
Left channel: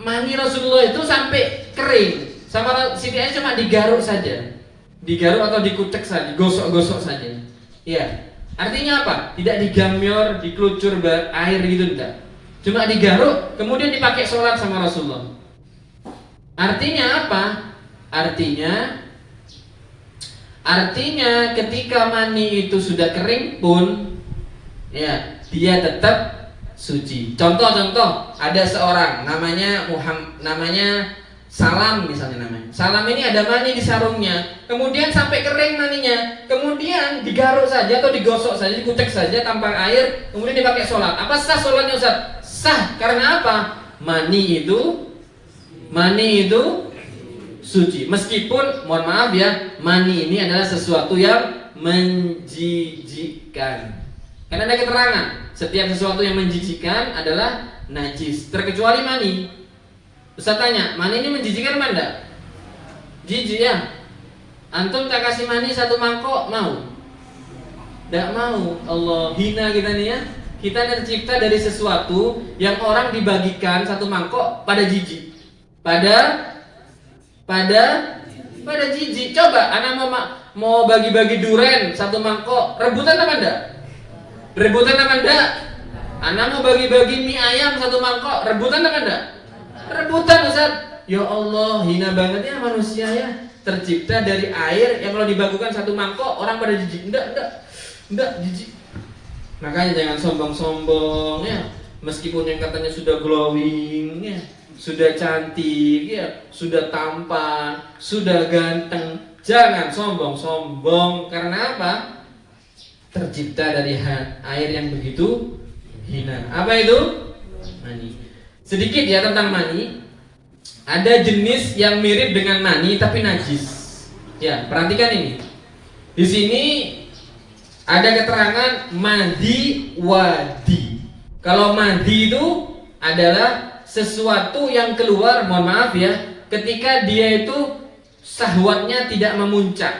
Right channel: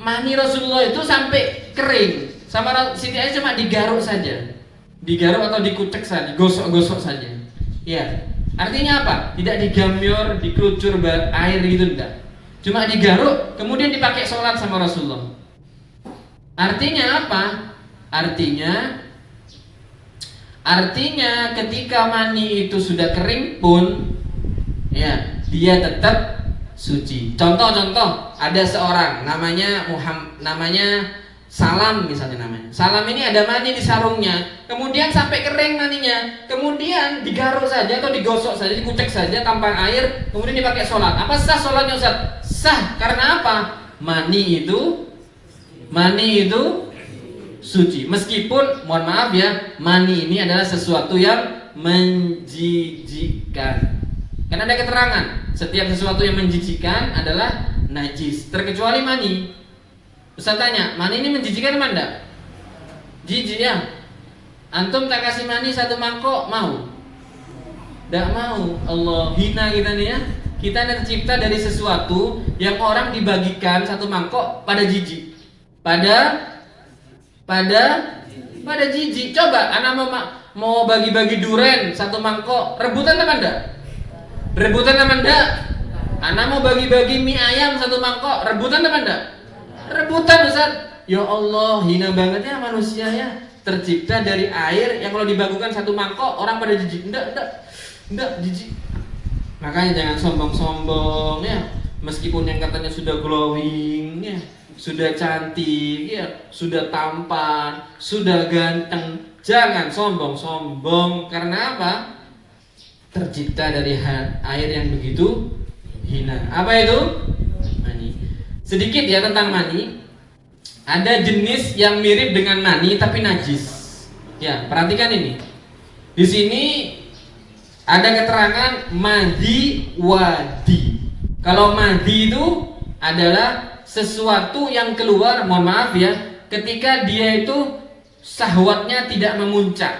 Mani Rasulullah itu sampai kering, sama Siti Aisyah cuma digaruk saja, digaruk atau dikucek saja, gosok-gosok saja, ya. Artinya apa? Tidak digamyor, dikelucur air gitu, enggak. Cuma digaruk, kemudian dipakai sholat sama Rasulullah. Artinya apa? Artinya ketika mani itu sudah kering pun, ya, dia tetap suci. Contoh, ada seorang namanya Salam misalnya namanya. Salam ini ada mani di sarungnya, kemudian sampai kering maninya, kemudian digaruk saja atau digosok saja, dikucek saja tanpa air, kemudian dipakai sholat. Apa sah sholatnya Ustaz? Sah, karena apa? Mani itu suci. Meskipun, mohon maaf ya, mani ini adalah sesuatu yang menjijikkan. Karena ada keterangan, setiap sesuatu yang menjijikkan adalah najis, terkecuali mani. Ustaz tanya, mani ini menjijikkan mana enggak? Jijik ya. Antum tak kasih mani 1 mangkok, mau? Tidak mau. Allah, hina kita nih ya. Kita tercipta dari sesuatu yang orang dibagikan 1 mangkok pada jijik. Pada jijik. Coba anak mau bagi-bagi duren 1 mangkok, rebutan apa enggak? Rebutan apa enggak? Anak mau bagi-bagi mie ayam 1 mangkok, rebutan apa enggak? Rebutan, Ustaz. Ya Allah, hina banget ya manusia ya. Tercipta dari air yang kalau dibagikan 1 mangkok orang pada jijik. Enggak, jijik. Makanya jangan sombong-sombong ya. Meskipun yang katanya sudah glowing ya, sudah cantik ya, sudah tampan, sudah ganteng, jangan sombong-sombong. Karena apa? Tercipta dari air yang begitu hina. Apa itu? Mani. Sedikit ya tentang mani. Ada jenis yang mirip dengan mani tapi najis. Ya, perhatikan ini. Di sini ada keterangan madi wadi. Kalau madi itu adalah sesuatu yang keluar, mohon maaf ya, ketika dia itu syahwatnya tidak memuncak.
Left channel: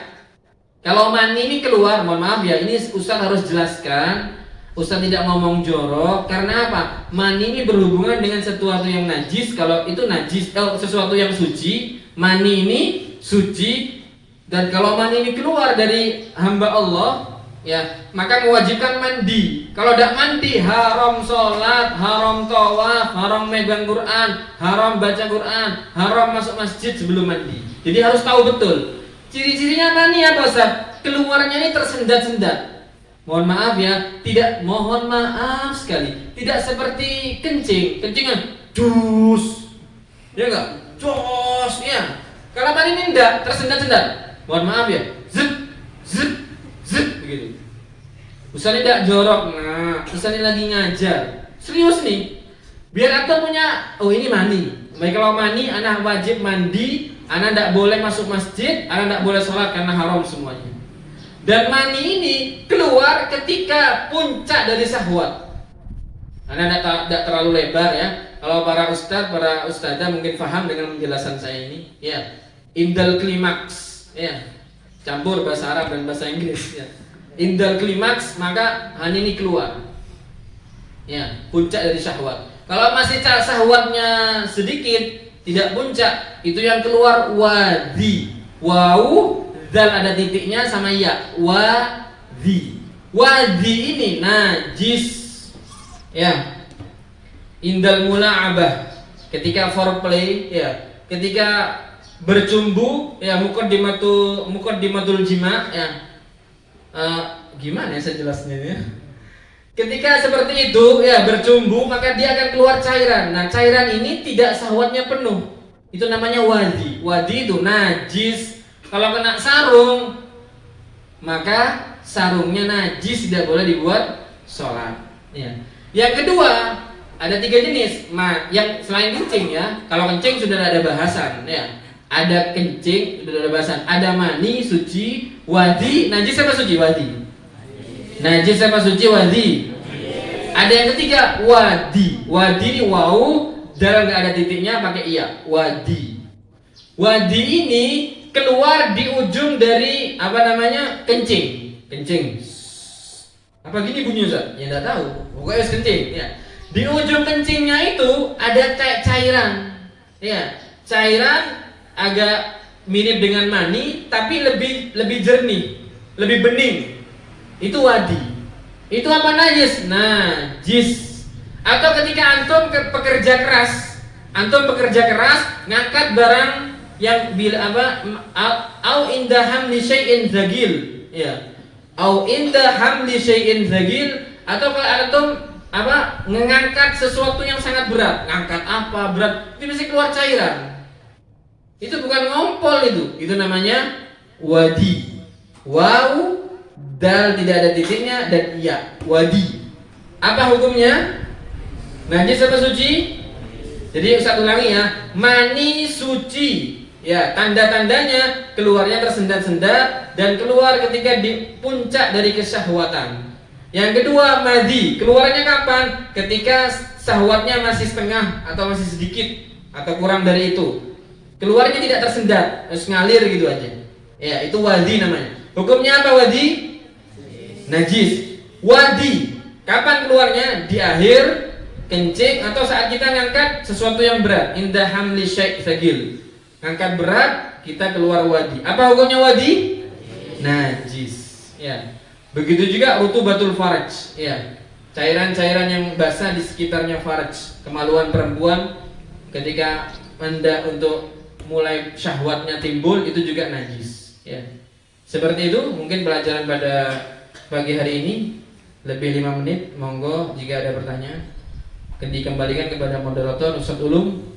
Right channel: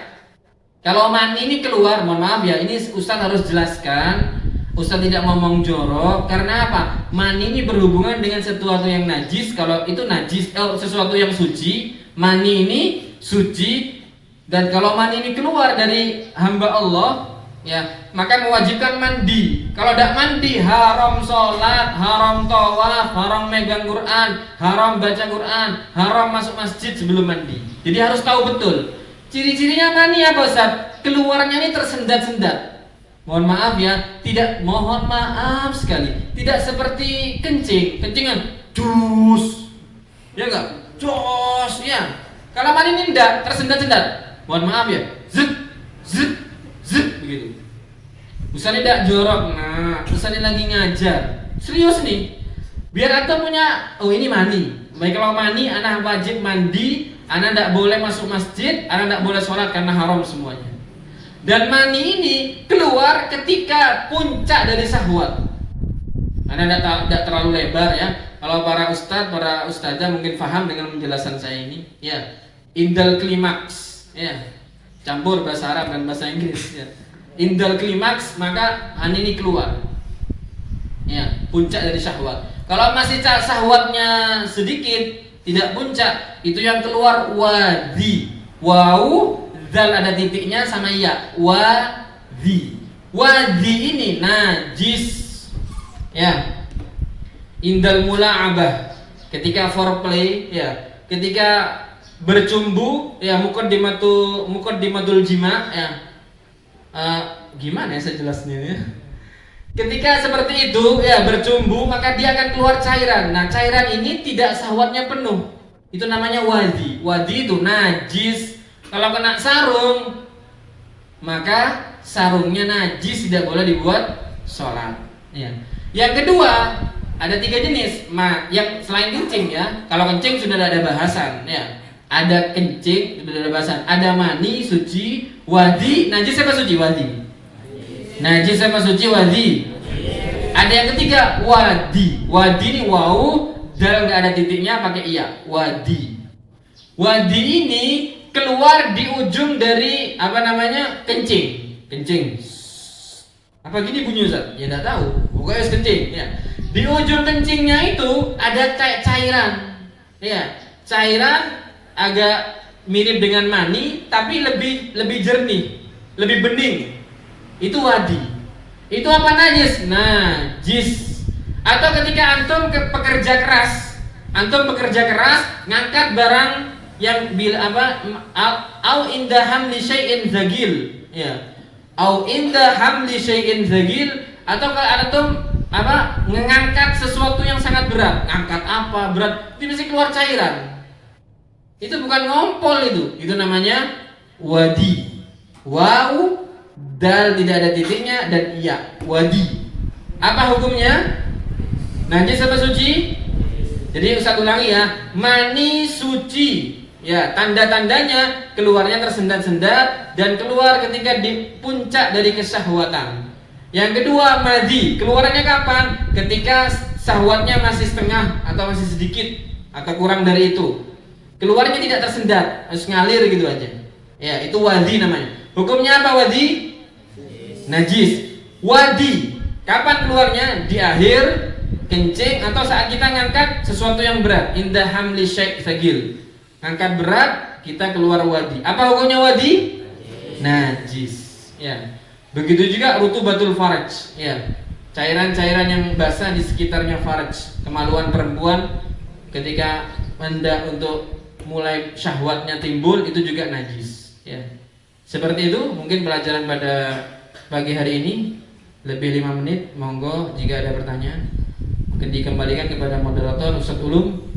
Kalau mani ini keluar, mohon maaf ya, ini Ustaz harus jelaskan. Ustaz tidak ngomong jorok, karena apa? Mani ini berhubungan dengan sesuatu yang najis. Kalau itu najis, sesuatu yang suci, mani ini suci. Dan kalau mani ini keluar dari hamba Allah, ya, maka mewajibkan mandi. Kalau tidak mandi, haram sholat, haram tawaf, haram megang Quran, haram baca Quran, haram masuk masjid sebelum mandi. Jadi harus tahu betul. Ciri-cirinya mani apa, Ustaz? Keluarnya ini tersendat-sendat. Mohon maaf ya, mohon maaf sekali. Tidak seperti kencing. Kencingan jus. Ya enggak? Jos ya. Kalau mani ini enggak tersendat-sendat. Mohon maaf ya. Zut begitu. Ustaz ini tidak jorok. Nah, Ustaz ini lagi ngajar. Serius nih. Biar aku punya, oh ini mani. Baik, kalau mani anak wajib mandi, anak tidak boleh masuk masjid, anak tidak boleh sholat karena haram semuanya. Dan mani ini keluar ketika puncak dari syahwat. Anak tidak terlalu lebar ya. Kalau para ustadzah mungkin paham dengan penjelasan saya ini. Ya, indal klimaks. Ya, campur bahasa Arab dan bahasa Inggris ya. Indal klimaks, maka mani ini keluar. Ya, puncak dari syahwat. Kalau masih syahwatnya sedikit, tidak puncak, itu yang keluar wadi. Wau, dal ada titiknya sama ya. Wadi. Wadi ini najis. Ya. Indal mula'abah, ketika foreplay ya, ketika bercumbu ya, muqaddimatul jima ya. Gimana ya saya jelasin ini? Ketika seperti itu ya, bercumbu, maka dia akan keluar cairan. Nah, cairan ini tidak syahwatnya penuh. Itu namanya wadi. Wadi itu najis. Kalau kena sarung, maka sarungnya najis, tidak boleh dibuat sholat. Ya. Yang kedua, ada 3 jenis. Yang selain kencing ya. Kalau kencing sudah ada bahasan ya. Ada kencing, sudah ada bahasan. Ada mani, suci, wadi, najis apa suci? Wadi. Najis apa suci? Wadi. Ada yang ketiga, wadi. Wadi ini wau, dalam nggak ada titiknya, pakai iya. Wadi. Wadi ini keluar di ujung dari kencing. Apa gini bunyi, Ustaz? Ya enggak tahu. Pokoknya kencing ya. Di ujung kencingnya itu ada kayak cairan. Ya, cairan agak mirip dengan mani tapi lebih jernih, lebih bening. Itu wadi. Itu apa? Najis. Najis. Atau ketika antum bekerja keras ngangkat barang yang au inda hamli syai'in zagil ya, au inda hamli syai'in zagil, atau antum mengangkat sesuatu yang sangat berat. Ngangkat apa berat, itu mesti keluar cairan. Itu bukan ngompol, itu namanya wadi. Wau, dal tidak ada titiknya, dan iya, wadi. Apa hukumnya? Najis apa suci? Jadi Ustaz ulangi ya, mani suci. Ya, tanda-tandanya keluarnya tersendat-sendat dan keluar ketika di puncak dari kesyahwatan. Yang kedua, madi. Keluarnya kapan? Ketika syahwatnya masih setengah atau masih sedikit atau kurang dari itu. Keluarnya tidak tersendat, harus ngalir gitu aja. Ya, itu wadi namanya. Hukumnya apa wadi? Najis. Wadi, kapan keluarnya? Di akhir kencing atau saat kita ngangkat sesuatu yang berat. Indah hamli syekh sagil. Ngangkat berat, kita keluar wadi. Apa hukumnya wadi? Najis. Ya. Begitu juga rutubatul faraj. Ya. Cairan-cairan yang basah di sekitarnya faraj. Kemaluan perempuan ketika hendak untuk mulai syahwatnya timbul itu juga najis. Ya. Seperti itu mungkin pelajaran pada pagi hari ini. Lebih 5 menit, monggo jika ada pertanyaan. Akan dikembalikan kepada moderator Ustaz Ulum.